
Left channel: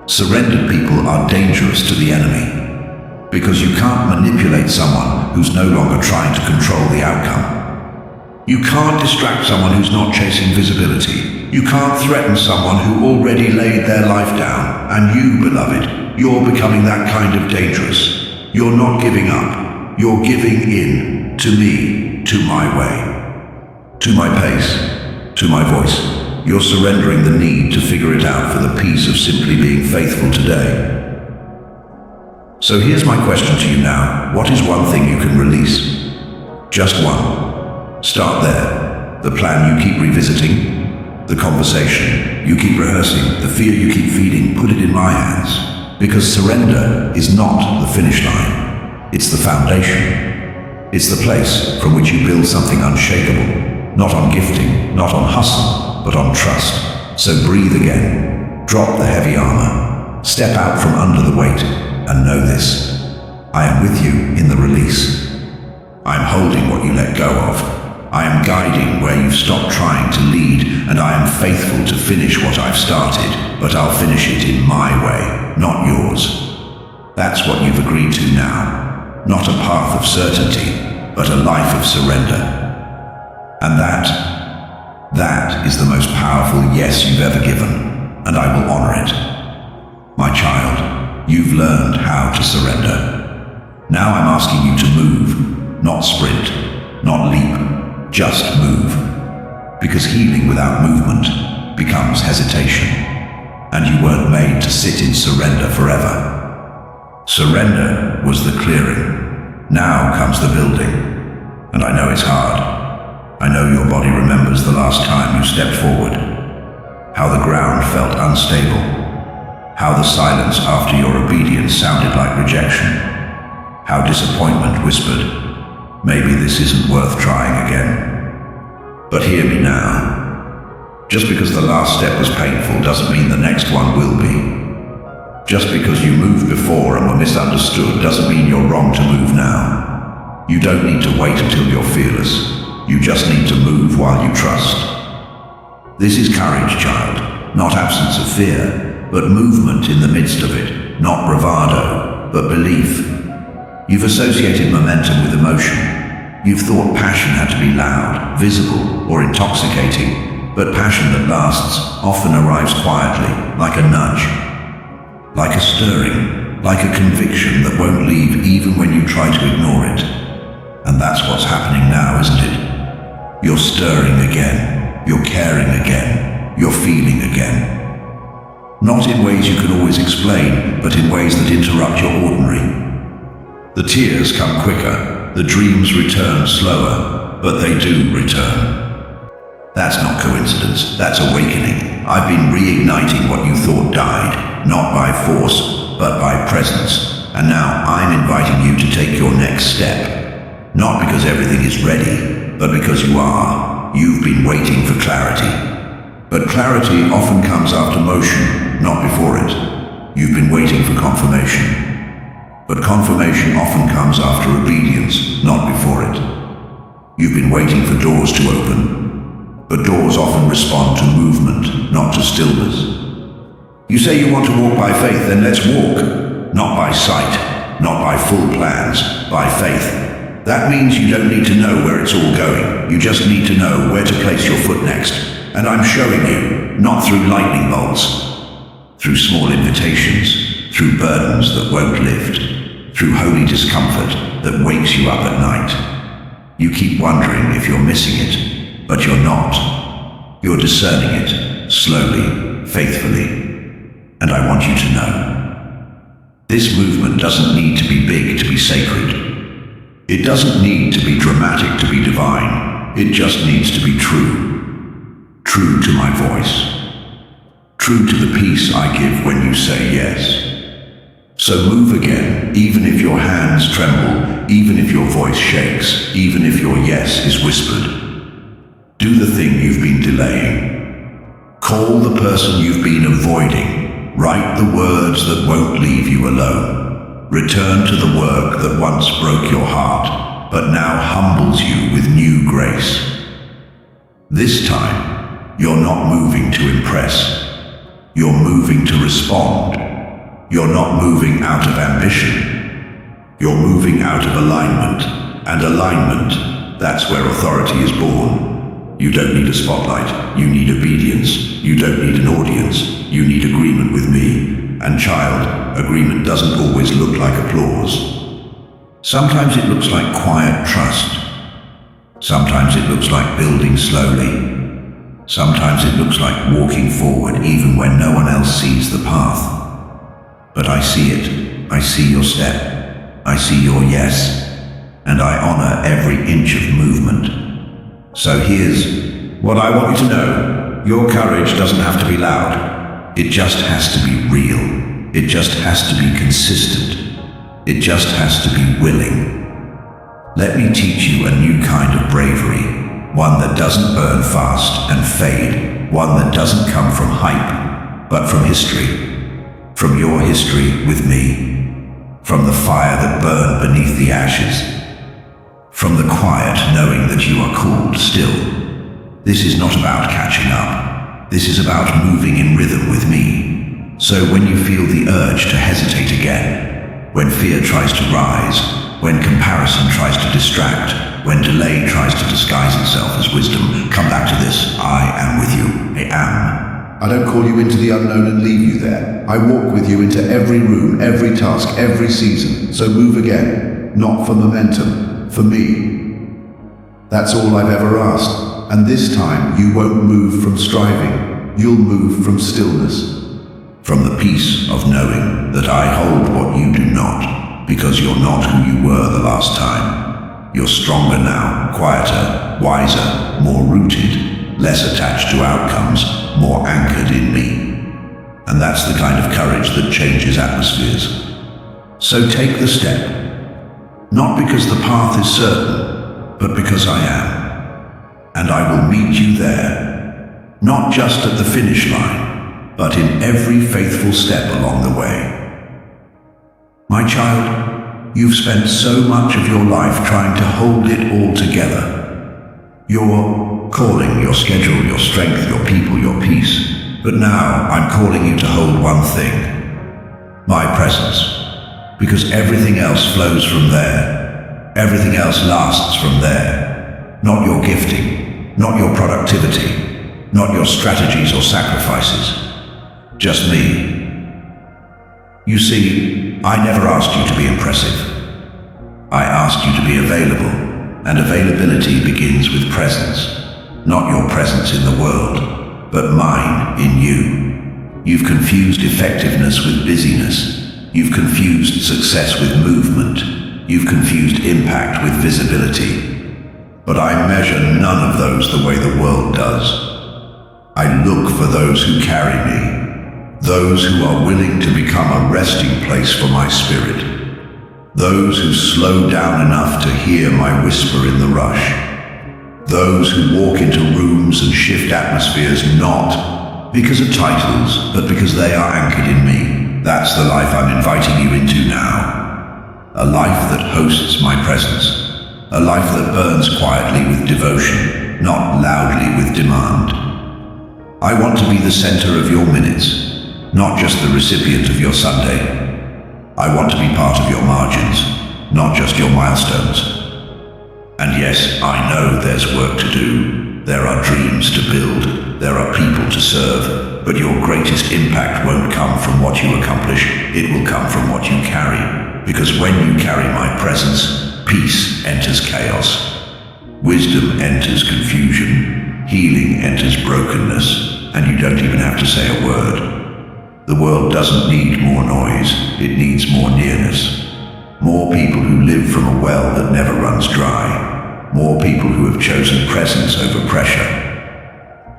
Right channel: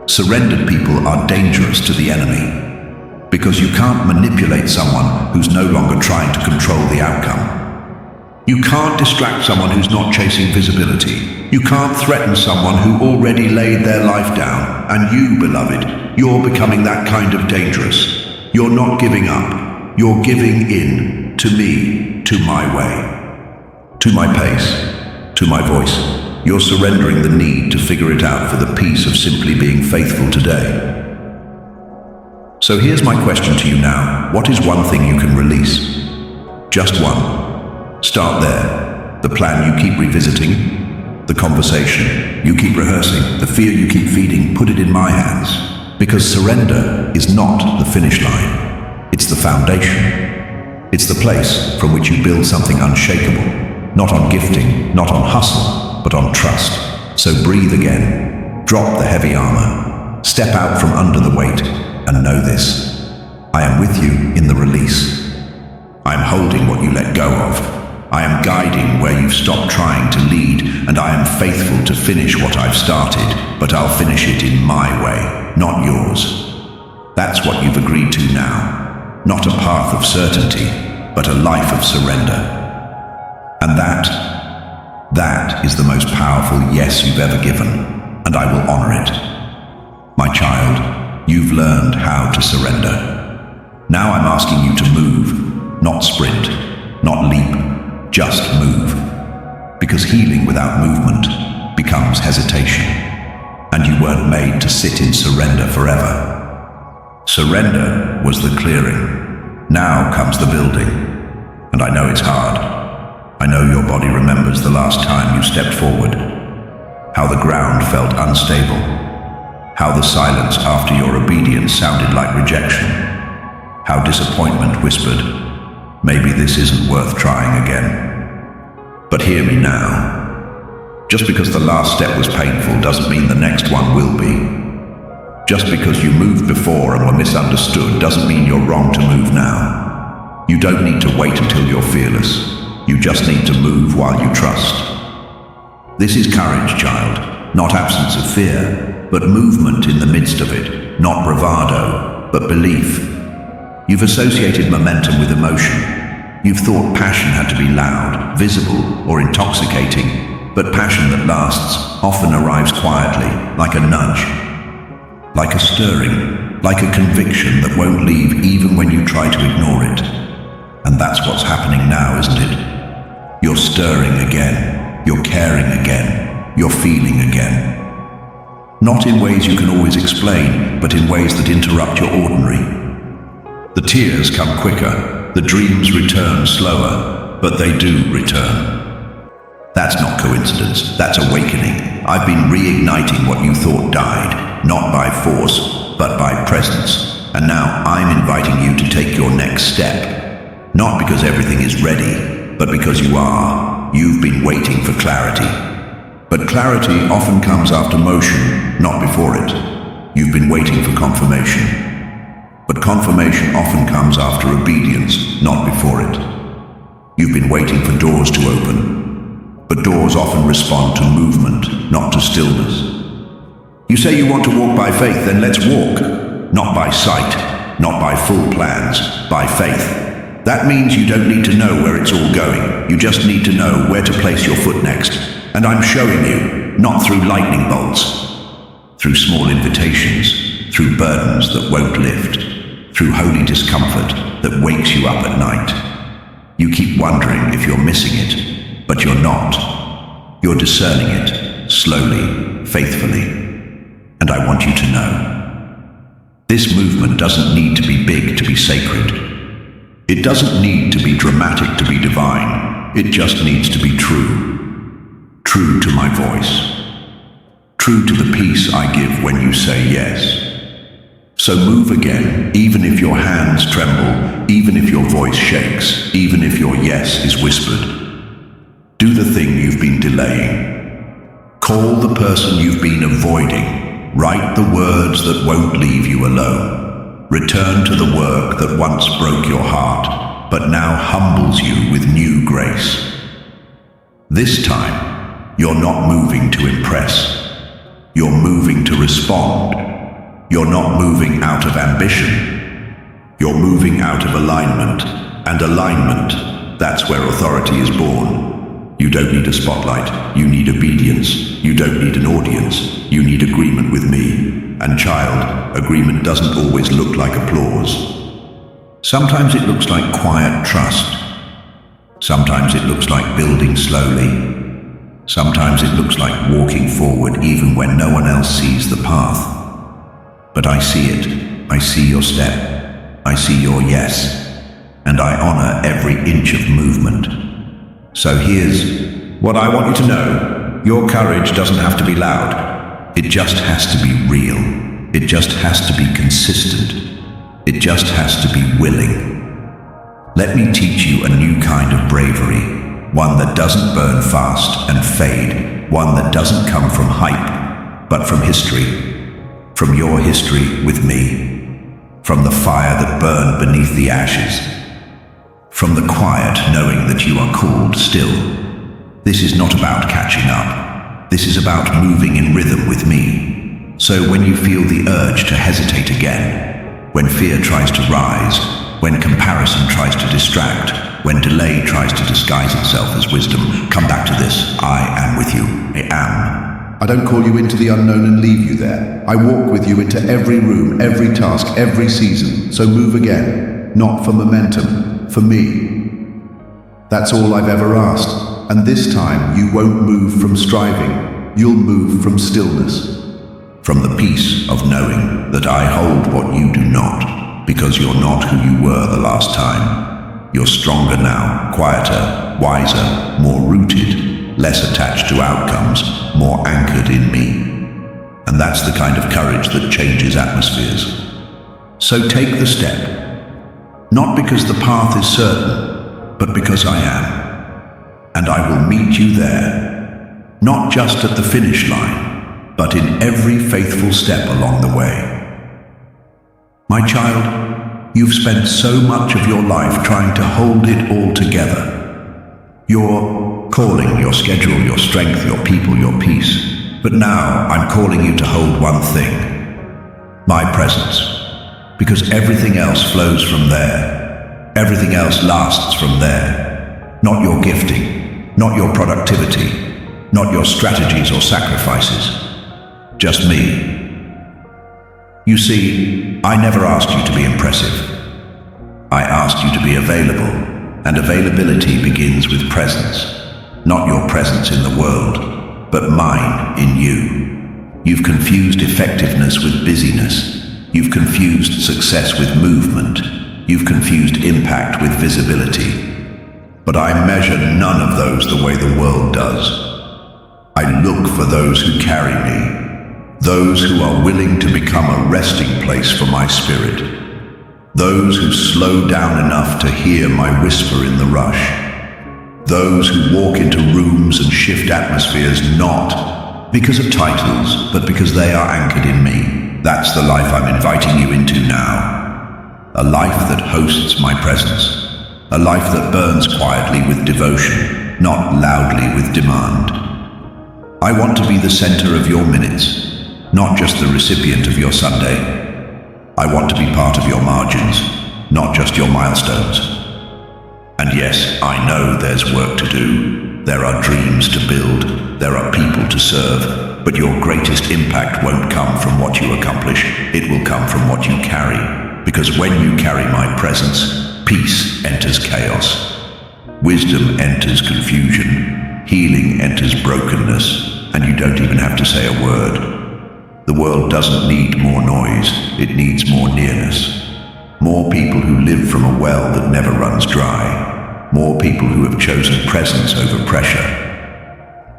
Surrendered people are dangerous to the enemy, because you can't manipulate someone who's no longer trying to control the outcome. You can't distract someone who's not chasing visibility. You can't threaten someone who already laid their life down. And you, beloved, you're becoming that kind of dangerous. You're not giving up. You're giving in to me, to my way, to my pace, to my voice. You're surrendering the need to figure it out for the peace of simply being faithful today. So here's my question to you now. What is one thing you can release? Just one. Start there. The plan you keep revisiting, the conversation you keep rehearsing, the fear you keep feeding, put it in my hands. Because surrender is not the finish line. It's the foundation. It's the place from which you build something unshakable. Not on gifting, not on hustle, but on trust. So breathe again. Drop the heavy armor. Step out from under the weight. And know this, I am with you in the release. I am holding what you let go of. I am guiding where you've stopped trying to lead, and I am faithful to finish what I've started, but I'll finish it in my way, not yours. That's what you've agreed to now. Not a path of certainty, but a life of surrender. And that is the most powerful yes you've ever given, and I will honor it. My child, you've learned how to surrender. Now I'm asking you to move, not sprint, not leap, just move. Because healing without movement becomes hesitation, and you weren't made to sit in surrender forever. Surrender was the clearing. Now comes the building. And I know it's hard. I know your body remembers the last time you stepped forward, how the ground felt unstable, how the silence after your obedience sounded like rejection, how disappointment whispered, maybe this isn't worth trying again. But hear me now. Just because the last step was painful doesn't mean the next one will be. Just because you moved before and were misunderstood doesn't mean you're wrong to move now. You don't need to wait until you're fearless. You just need to move while you trust. This is courage, child, not absence of fear, but movement in the midst of it, not bravado, but belief. You've associated momentum with emotion. You've thought passion had to be loud, visible, or intoxicating, but passion that lasts often arrives quietly, like a nudge, like a stirring, like a conviction that won't leave even when you try to ignore it. And that's what's happening now, isn't it? You're stirring again, you're caring again, you're feeling again. Not in ways you can always explain, but in ways that interrupt your ordinary. The tears come quicker, the dreams return slower, but they do return. That's not coincidence, that's awakening. I've been reigniting what you thought died, not by force, but by presence. And now I'm inviting you to take your next step. Not because everything is ready, but because you are. You've been waiting for clarity. But clarity often comes after motion, not before it. You've been waiting for confirmation. But confirmation often comes after obedience, not before it. You've been waiting for doors to open. But doors often respond to movement, not to stillness. You say you want to walk by faith, then let's walk. Not by sight, not by full plans, by faith. That means you don't need to know where it's all going. You just need to know where to place your foot next. And I'm showing you, not through lightning bolts, through small invitations, through burdens that won't lift, through holy discomfort that wakes you up at night. You keep wondering if you're missing it, but you're not. You're discerning it, slowly, faithfully. And I want you to know, this movement doesn't need to be big to be sacred. It doesn't need to be dramatic to be divine. It just needs to be true. True to my voice. True to the peace I give when you say yes. So move again, even if your hands tremble, even if your voice shakes, even if your yes is whispered. Do the thing you've been delaying. Call the person you've been avoiding. Write the words that won't leave you alone. Return to the work that once broke your heart, but now humbles you with new grace. This time, you're not moving to impress. You're moving to respond. You're not moving out of ambition. You're moving out of alignment. And alignment, that's where authority is born. You don't need a spotlight. You need obedience. You don't need an audience. You need agreement with me. And child, agreement doesn't always look like applause. Sometimes it looks like quiet trust. Sometimes it looks like building slowly. Sometimes it looks like walking forward even when no one else sees the path. But I see it. I see your step. I see your yes. And I honor every inch of movement. So here's what I want you to know. Your courage doesn't have to be loud. It just has to be real. It just has to be consistent. It just has to be willing. Let me teach you a new kind of bravery. One that doesn't burn fast and fade. One that doesn't come from hype, but from history. From your history with me. From the fire that burned beneath the ashes. From the quiet knowing that you are called still. This is not about catching up. This is about moving in rhythm with me. So when you feel the urge to hesitate again, when fear tries to rise, when comparison tries to distract, when delay tries to disguise itself as wisdom, come back to this. I am with you. I am. I don't call you into the unknown and leave you there. I walk with you into every room, every task, every season. So move again. Not for momentum, for me. That's all I've ever asked. And this time you won't move from striving. You'll move from stillness. From the peace of knowing that I hold what you do not, because you're not who you were the last time. You're stronger now, quieter, wiser, more rooted, less attached to outcomes, more anchored in me. And that's the kind of courage that changes atmospheres. So take the step. Not because the path is certain, but because I am. And I will meet you there, not just at the finish line, but in every faithful step along the way. My child, you've spent so much of your life trying to hold it all together. Your calling, your schedule, your strength, your people, your peace. But now I'm calling you to hold one thing: my presence. Because everything else flows from there. Everything else lasts from there. Not your gifting, not your productivity, not your strategies or sacrifices. Just me. You see, I never asked you to be impressive. I asked you to be available, and availability begins with presence. Not your presence in the world, but mine in you. You've confused effectiveness with busyness. You've confused success with movement. You've confused impact with visibility. But I measure none of those the way the world does. I look for those who carry me. Those who are willing to become a resting place for my spirit. Those who slow down enough to hear my whisper in the rush. Those who walk into rooms and shift atmospheres not because of titles, but because they are anchored in me. That's the life I'm inviting you into now. A life that hosts my presence. A life that burns quietly with devotion, not loudly with demand. I want to be the center of your minutes, not just the recipient of your Sunday. I want to be part of your margins, not just your milestones. And yes, I know there's work to do. There are dreams to build. There are people to serve. But your greatest impact won't come from what you accomplish. It will come from what you carry. Because when you carry my presence, peace enters chaos. Wisdom enters confusion. Healing enters brokenness. And you don't even have to say a word. The world doesn't need more noise. It needs more nearness. More people who live from a well that never runs dry. More people who have chosen presence over pressure.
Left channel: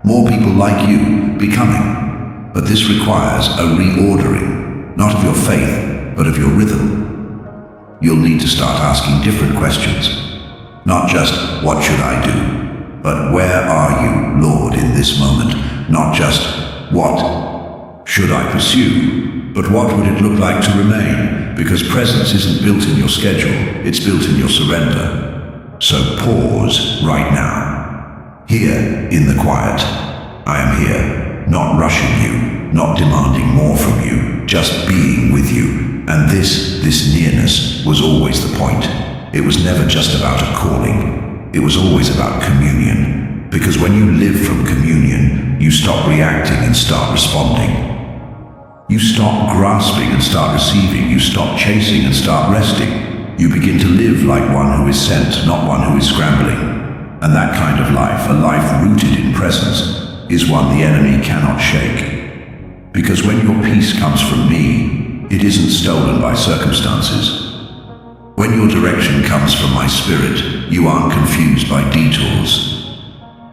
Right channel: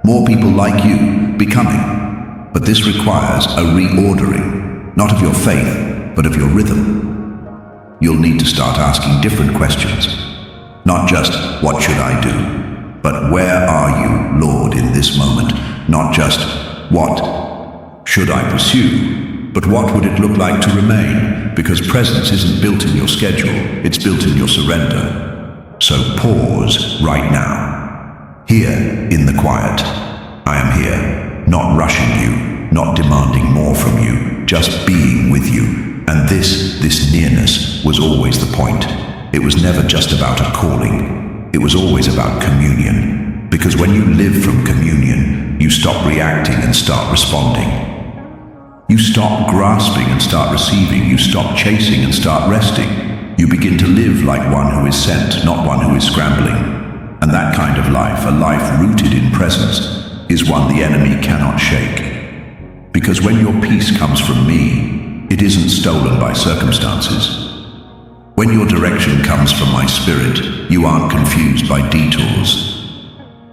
More people like you, becoming. But this requires a reordering, not of your faith, but of your rhythm. You'll need to start asking different questions. Not just, what should I do? But where are you, Lord, in this moment? Not just, what should I pursue? But what would it look like to remain? Because presence isn't built in your schedule, it's built in your surrender. So pause right now. Here, in the quiet, I am here, not rushing you, not demanding more from you, just being with you. And this nearness was always the point. It was never just about a calling. It was always about communion. Because when you live from communion, you stop reacting and start responding. You stop grasping and start receiving. You stop chasing and start resting. You begin to live like one who is sent, not one who is scrambling. And that kind of life, a life rooted in presence, is one the enemy cannot shake. Because when your peace comes from me, it isn't stolen by circumstances. When your direction comes from my spirit, you aren't confused by detours.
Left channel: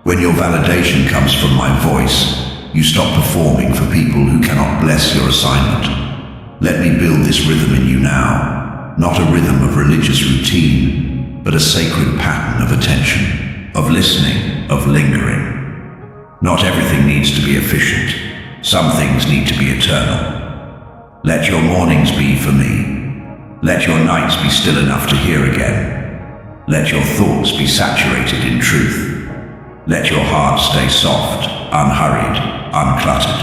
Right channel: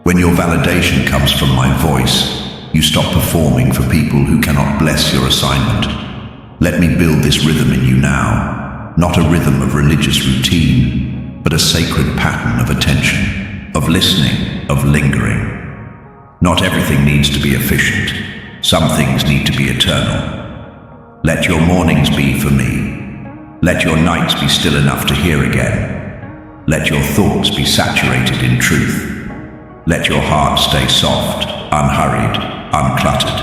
When your validation comes from my voice, you stop performing for people who cannot bless your assignment. Let me build this rhythm in you now, not a rhythm of religious routine, but a sacred pattern of attention. Of listening, of lingering. Not everything needs to be efficient. Some things need to be eternal. Let your mornings be for me. Let your nights be still enough to hear again. Let your thoughts be saturated in truth. Let your heart stay soft, unhurried, uncluttered.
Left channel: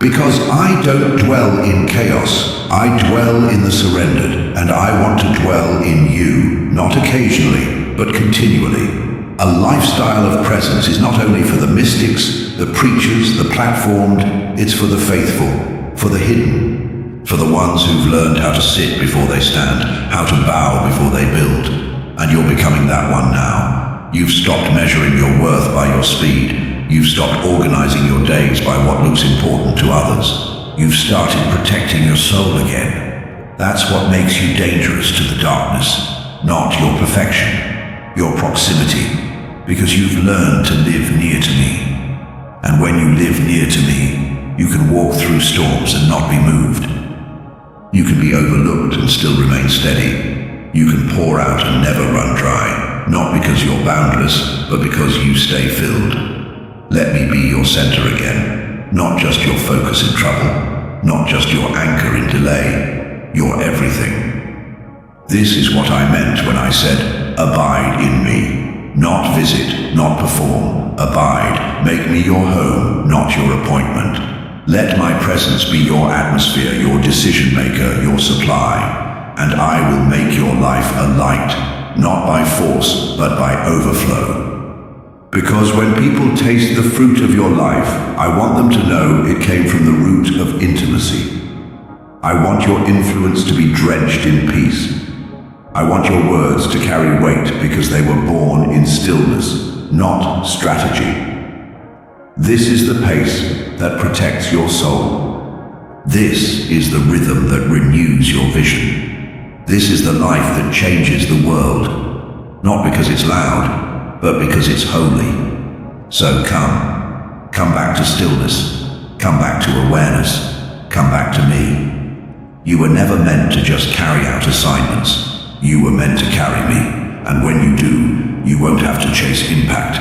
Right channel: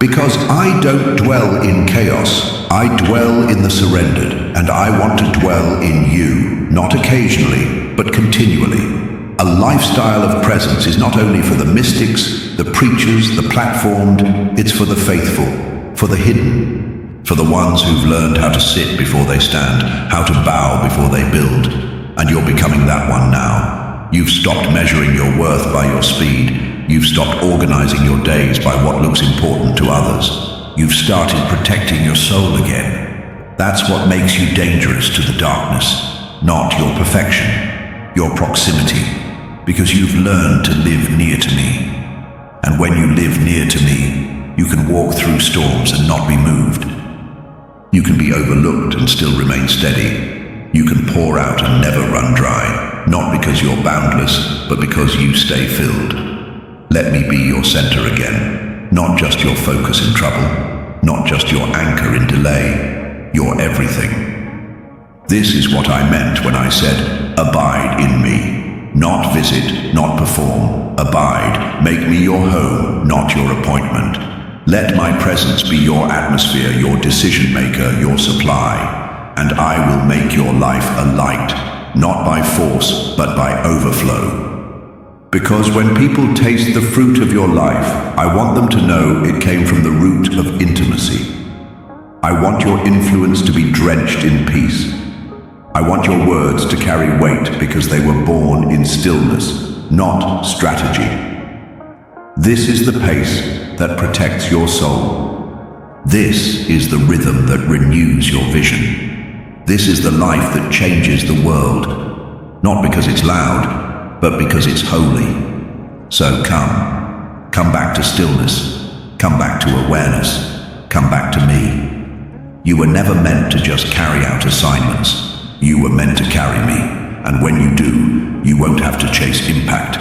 Because I don't dwell in chaos, I dwell in the surrendered, and I want to dwell in you, not occasionally, but continually. A lifestyle of presence is not only for the mystics, the preachers, the platformed, it's for the faithful, for the hidden, for the ones who've learned how to sit before they stand, how to bow before they build. And you're becoming that one now. You've stopped measuring your worth by your speed. You've stopped organizing your days by what looks important to others. You've started protecting your soul again. That's what makes you dangerous to the darkness, not your perfection. Your proximity, because you've learned to live near to me. And when you live near to me, you can walk through storms and not be moved. You can be overlooked and still remain steady. You can pour out and never run dry. not because you're boundless, but because you stay filled. Let me be your center again, not just your focus in trouble, not just your anchor in delay, your everything. This is what I meant when I said, abide in me. Not visit, not perform, abide. Make me your home, not your appointment. Let my presence be your atmosphere, your decision maker, your supply, and I will make your life a light, not by force, but by overflow. Because when people taste the fruit of your life, I want them to know it came from the root of intimacy. I want your influence to be drenched in peace. I want your words to carry weight because they were born in stillness, not strategy. This is the pace that protects your soul. This is the rhythm that renews your vision. This is the life that changes the world, not because it's loud, but because it's holy. So come back to stillness, come back to awareness, come back to me. You were never meant to just carry out assignments. You were meant to carry me, and when you do, you won't have to chase impact.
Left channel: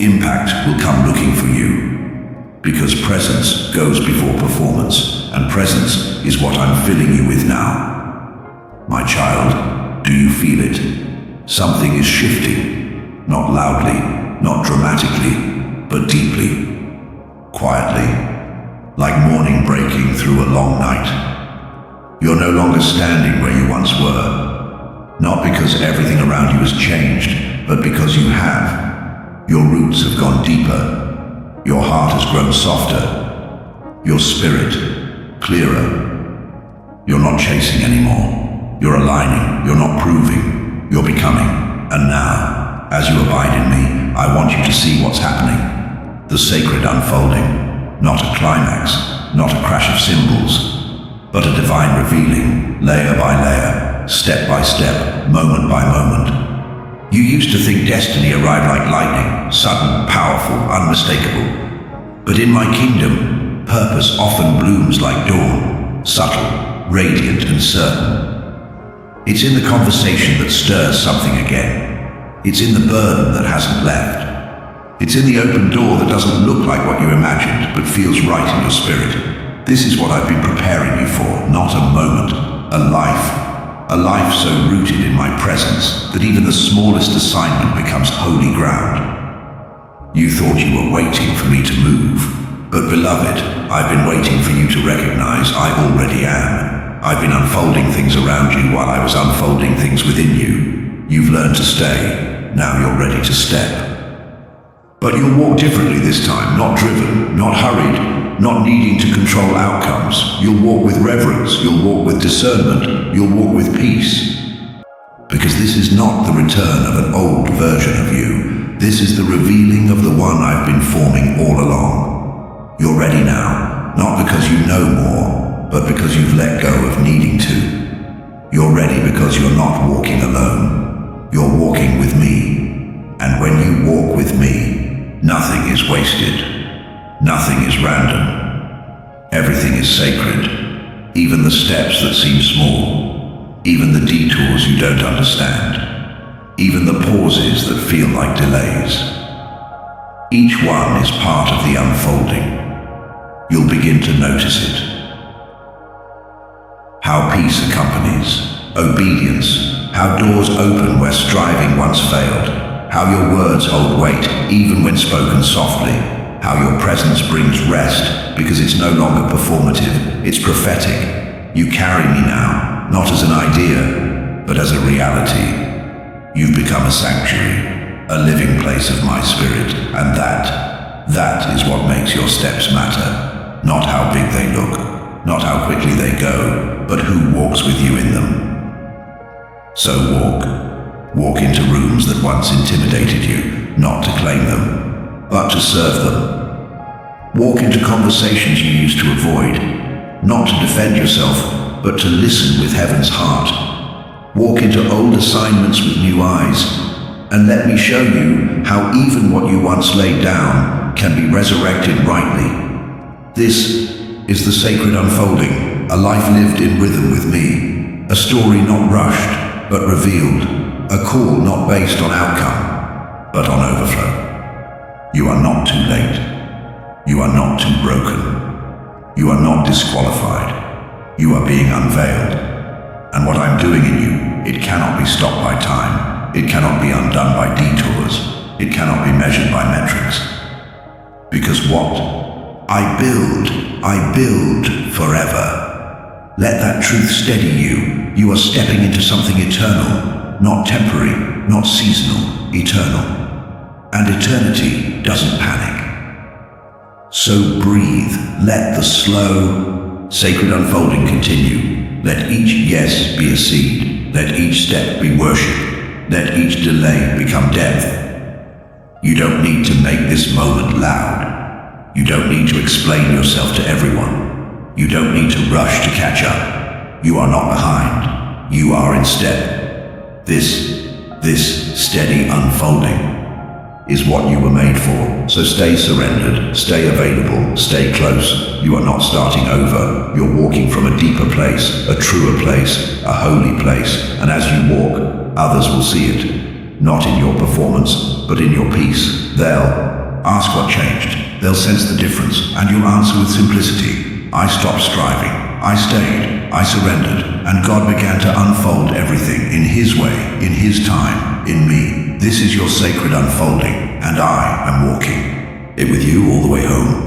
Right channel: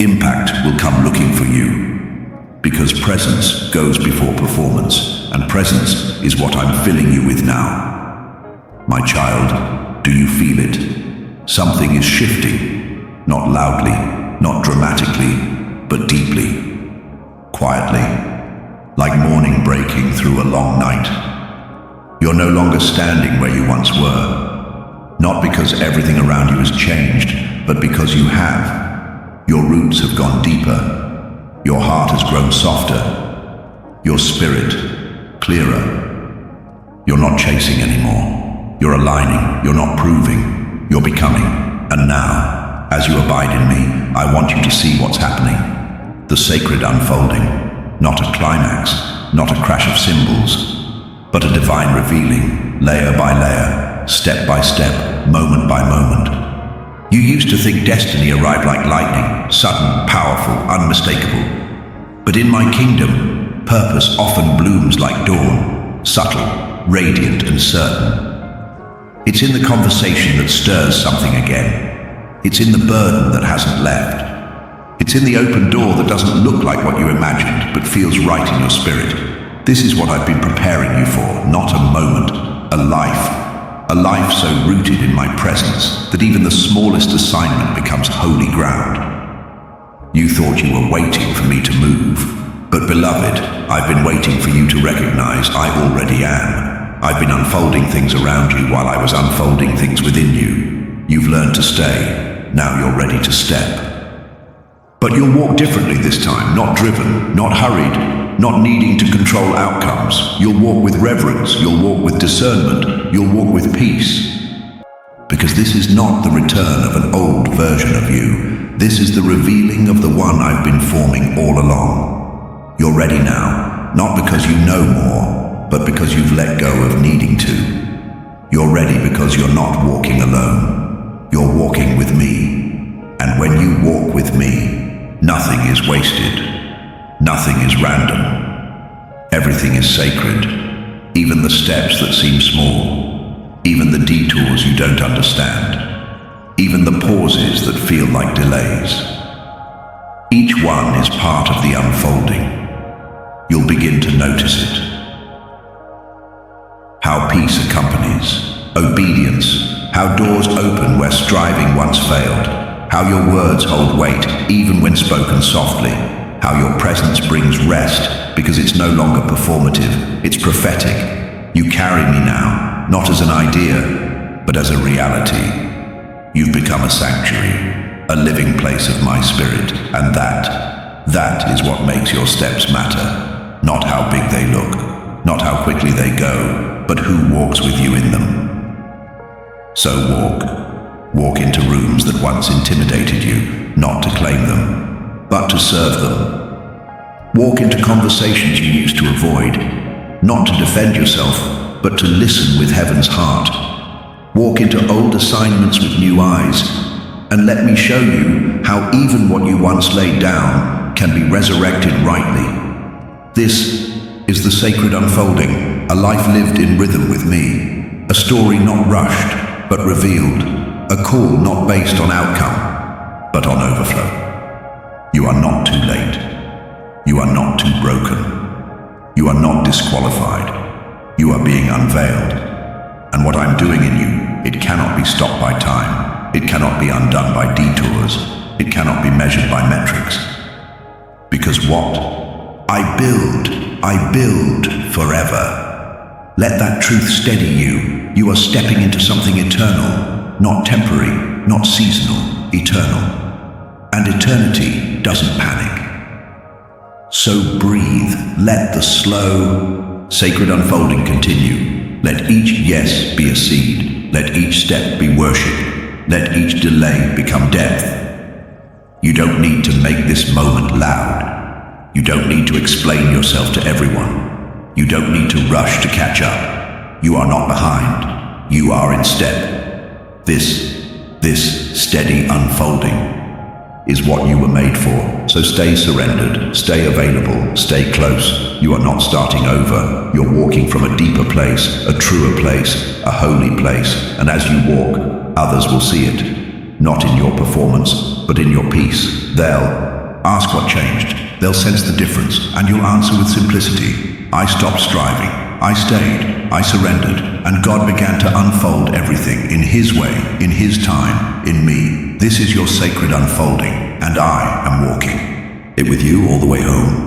Impact will come looking for you, because presence goes before performance, and presence is what I'm filling you with now. My child, do you feel it? Something is shifting, not loudly, not dramatically, but deeply, quietly, like morning breaking through a long night. You're no longer standing where you once were. Not because everything around you has changed, but because you have. Your roots have gone deeper. Your heart has grown softer. Your spirit clearer. You're not chasing anymore. You're aligning. You're not proving. You're becoming. And now, as you abide in me, I want you to see what's happening. The sacred unfolding. Not a climax. Not a crash of symbols, but a divine revealing, layer by layer. Step by step, moment by moment. You used to think destiny arrived like lightning, sudden, powerful, unmistakable. But in my kingdom, purpose often blooms like dawn, subtle, radiant, and certain. It's in the conversation that stirs something again. It's in the burden that hasn't left. It's in the open door that doesn't look like what you imagined, but feels right in your spirit. This is what I've been preparing you for, not a moment, a life. A life so rooted in my presence that even the smallest assignment becomes holy ground. You thought you were waiting for me to move, but beloved, I've been waiting for you to recognize I already am. I've been unfolding things around you while I was unfolding things within you. You've learned to stay, now you're ready to step. But you'll walk differently this time, not driven, not hurried, not needing to control outcomes. You'll walk with reverence, you'll walk with discernment, you'll walk with peace. Because this is not the return of an old version of you. This is the revealing of the one I've been forming all along. You're ready now, not because you know more, but because you've let go of needing to. You're ready because you're not walking alone. You're walking with me. And when you walk with me, nothing is wasted. Nothing is random. Everything is sacred. Even the steps that seem small. Even the detours you don't understand. Even the pauses that feel like delays. Each one is part of the unfolding. You'll begin to notice it. How peace accompanies obedience. How doors open where striving once failed. How your words hold weight even when spoken softly. How your presence brings rest, because it's no longer performative, it's prophetic. You carry me now, not as an idea, but as a reality. You've become a sanctuary, a living place of my spirit, and that is what makes your steps matter. Not how big they look, not how quickly they go, but who walks with you in them. So walk into rooms that once intimidated you, not to claim them, but to serve them. Walk into conversations you used to avoid, not to defend yourself, but to listen with heaven's heart. Walk into old assignments with new eyes, and let me show you how even what you once laid down can be resurrected rightly. This is the sacred unfolding, a life lived in rhythm with me, a story not rushed, but revealed, A call not based on outcome, but on overflow. You are not too late. You are not too broken. You are not disqualified. You are being unveiled. And what I'm doing in you, it cannot be stopped by time. It cannot be undone by detours. It cannot be measured by metrics. Because what? I build forever. Let that truth steady you. You are stepping into something eternal, not temporary, not seasonal, eternal. And eternity doesn't panic. So breathe, let the slow, sacred unfolding continue. Let each yes be a seed. Let each step be worship. Let each delay become depth. You don't need to make this moment loud. You don't need to explain yourself to everyone. You don't need to rush to catch up. You are not behind. You are in step. This steady unfolding is what you were made for. So stay surrendered, stay available, stay close. You are not starting over. You're walking from a deeper place, a truer place, a holy place. And as you walk, others will see it. Not in your performance, but in your peace. They'll ask what changed. They'll sense the difference, and you'll answer with simplicity. I stopped striving. I stayed. I surrendered. And God began to unfold everything in His way, in His time, in me. This is your sacred unfolding, and I am walking it with you all the way home.